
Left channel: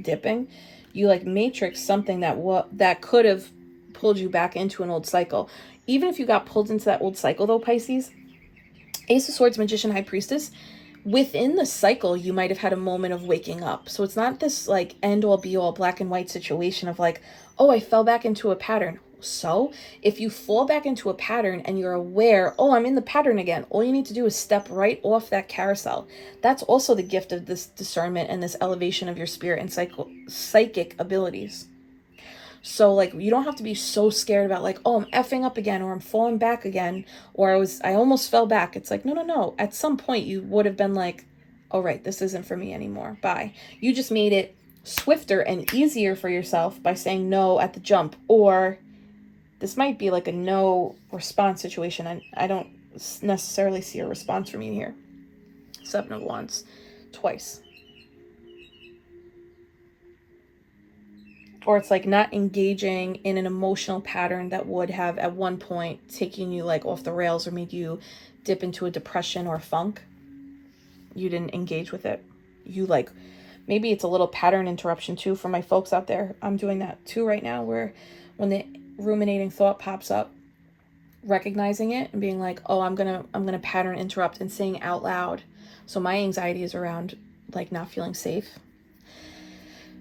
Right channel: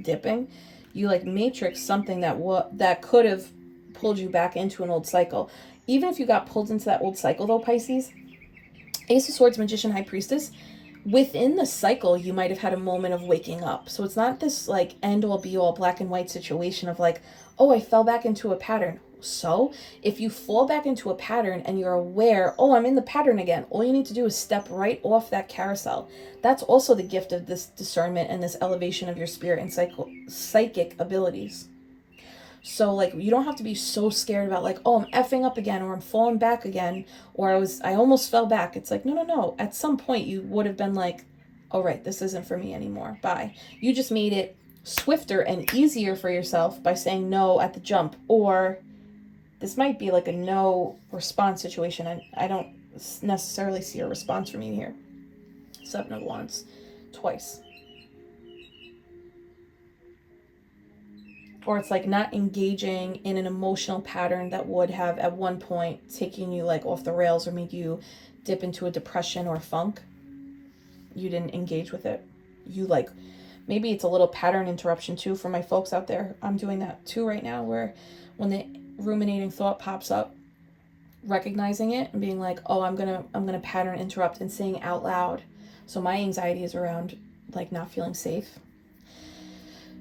dipping. You like matrixed something that could have pulled you back into an old cycle. Even if you got pulled into that old cycle though, Pisces, Ace of Swords, Magician, High Priestess, within the cycle you might have had a moment of waking up. So it's not this like end all be all black and white situation of like, oh, I fell back into a pattern. So if you fall back into a pattern and you're aware, oh, I'm in the pattern again, all you need to do is step right off that carousel. That's also the gift of this discernment and this elevation of your spirit and psychic abilities. So like, you don't have to be so scared about like, oh, I'm effing up again, or I'm falling back again, or I almost fell back. It's like, no. At some point you would have been like, all right, this isn't for me anymore. Bye. You just made it swifter and easier for yourself by saying no at the jump. Or this might be like a no response situation. I don't necessarily see a response from you here. 7 of Wands, twice. Or it's like not engaging in an emotional pattern that would have at one point taken you like off the rails or made you dip into a depression or funk. You didn't engage with it. You like, maybe it's a little pattern interruption too for my folks out there. I'm doing that too right now, where when the ruminating thought pops up, recognizing it and being like, oh, I'm gonna pattern interrupt, and saying out loud. So my anxiety is around like not feeling safe.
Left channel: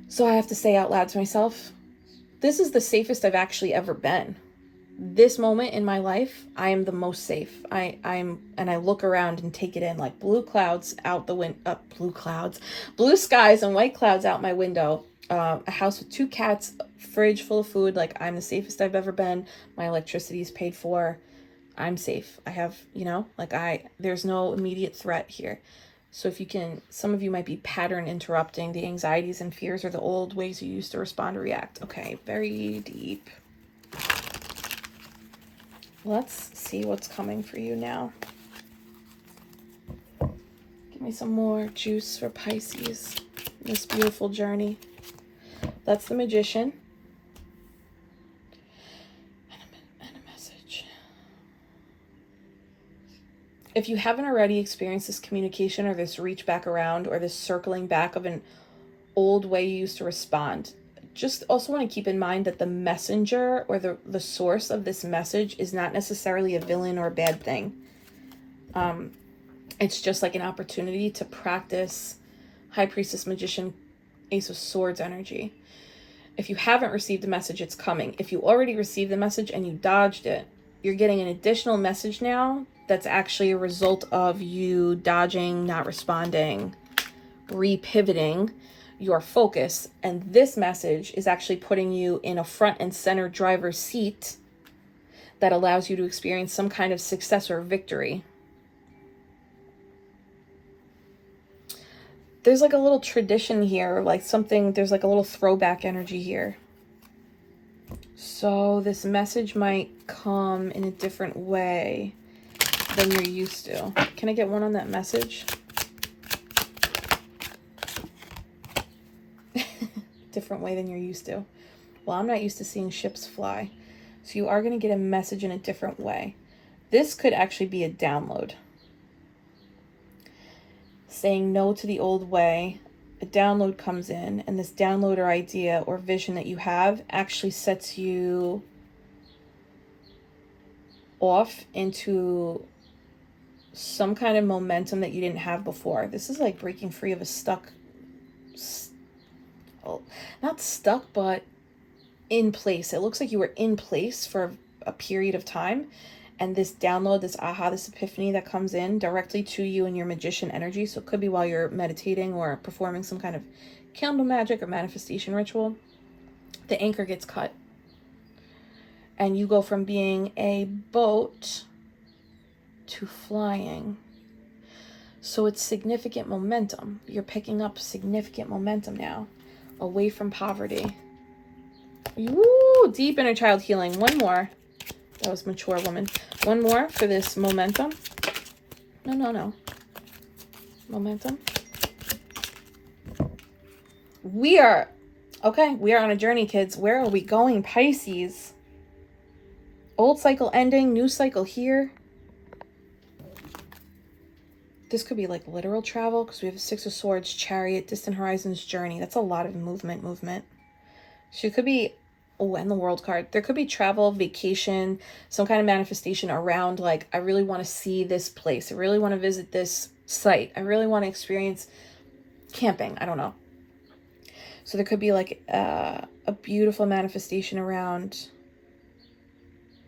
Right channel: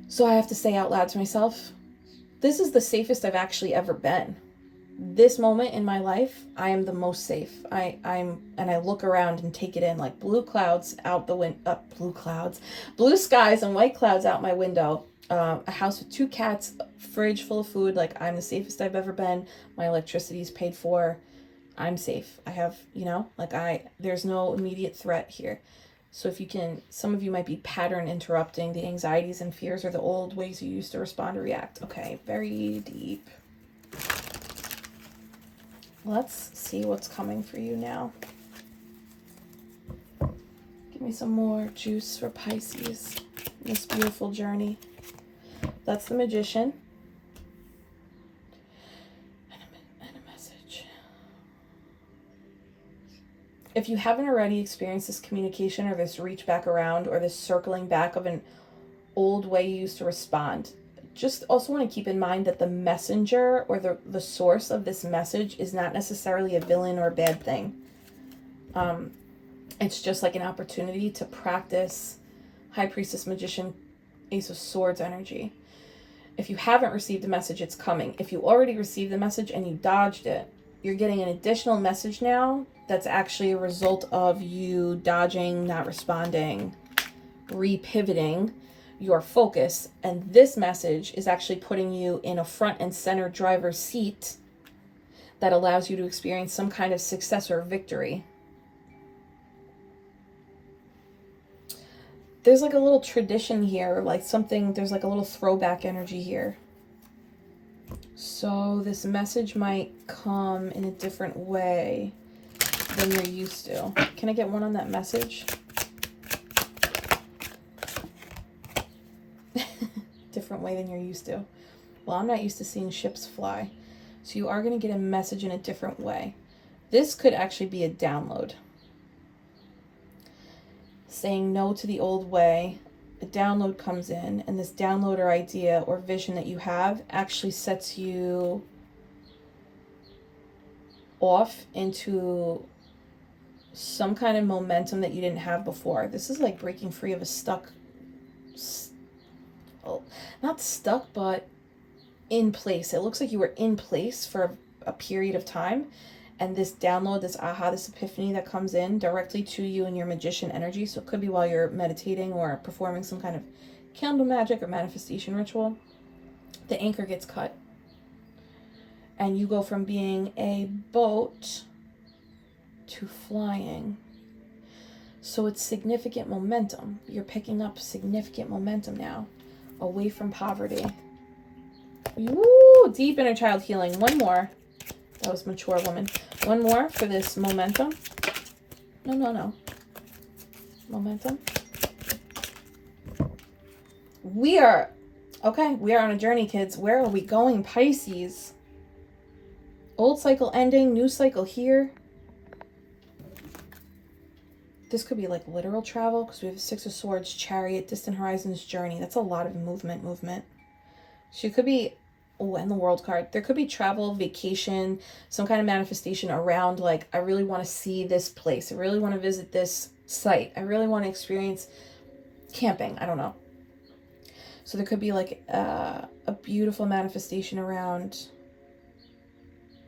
So I have to say out loud to myself, this is the safest I've actually ever been. This moment in my life, I am the most safe. And I look around and take it in, like blue clouds out the window, blue skies and white clouds out my window. A house with 2 cats, fridge full of food. Like, I'm the safest I've ever been. My electricity is paid for. I'm safe. I have, there's no immediate threat here. So if you can, some of you might be pattern interrupting the anxieties and fears or the old ways you used to respond or react. Okay, very deep. Let's see what's coming for you now. Give me some more juice for Pisces. This beautiful journey. That's the Magician. And a message. If you haven't already experienced this communication or this reach back around or this circling back of an old way you used to respond, just also want to keep in mind that the messenger or the source of this message is not necessarily a villain or a bad thing. It's just like an opportunity to practice High Priestess, Magician, Ace of Swords energy. If you haven't received the message, it's coming. If you already received the message and you dodged it, you're getting an additional message now that's actually a result of you dodging, not responding, repivoting your focus. And this message is actually putting you in a front and center driver's seat that allows you to experience some kind of success or victory. There's like a little tradition here, like something, there's like a little throwback energy here. So this message might come in a different way than you're used to. Can I get one on that message? Different way than you're used to. Well, I'm not used to seeing ships fly. So you are going to get a message in a different way. This could actually be a download. Saying no to the old way, a download comes in, and this download or idea or vision that you have actually sets you off into some kind of momentum that you didn't have before. This is like breaking free of a not stuck, but in place. It looks like you were in place for a period of time. And this download, this aha, this epiphany that comes in directly to you in your magician energy. So it could be while you're meditating or performing some kind of candle magic or manifestation ritual. The anchor gets cut. And you go from being a boat to flying. So it's significant momentum. You're picking up significant momentum now. Away from poverty. Woo! Deep inner child healing. One more. That was mature woman. One more for this momentum. No. Momentum. We are on a journey, kids. Where are we going, Pisces? Old cycle ending, new cycle here. This could be like literal travel because we have 6 of Swords, Chariot, Distant Horizons, Journey. That's a lot of movement. So it could be, and the World card. There could be travel, vacation, some kind of manifestation around like, I really want to see this place. I really want to visit this site. I really want to experience camping. I don't know. So there could be like a beautiful manifestation around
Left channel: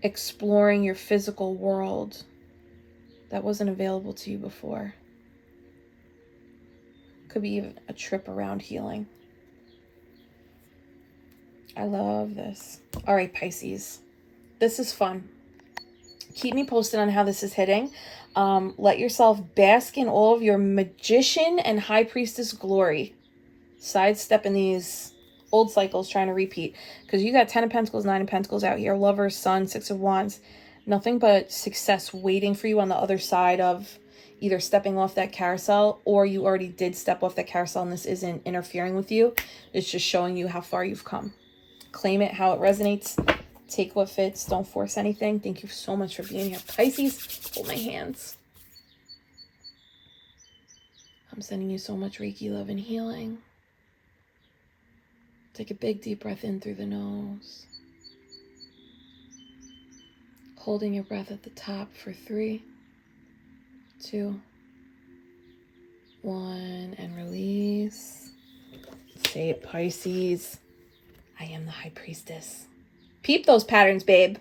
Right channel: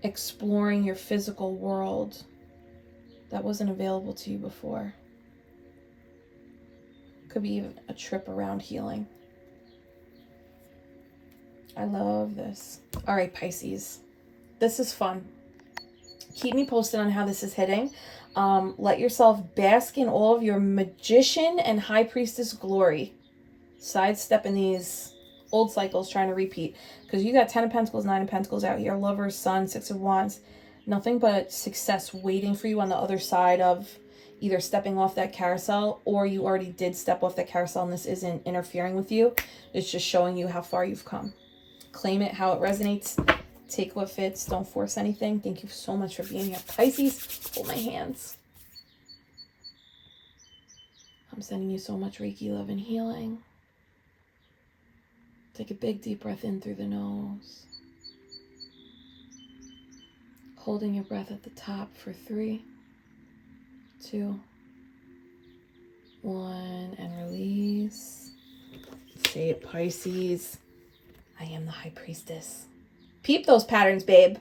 exploring your physical world that wasn't available to you before. Could be even a trip around healing. I love this. All right, Pisces. This is fun. Keep me posted on how this is hitting. Let yourself bask in all of your magician and high priestess glory. Sidestepping these old cycles, trying to repeat. Because you got 10 of Pentacles, 9 of Pentacles out here. Lovers, Sun, 6 of Wands. Nothing but success waiting for you on the other side of either stepping off that carousel, or you already did step off that carousel and this isn't interfering with you. It's just showing you how far you've come. Claim it how it resonates. Take what fits. Don't force anything. Thank you so much for being here. Pisces, hold my hands. I'm sending you so much Reiki love and healing. Take a big deep breath in through the nose. Holding your breath at the top for 3, 2, 1, and release. Say it, Pisces. I am the high priestess. Peep those patterns, babe.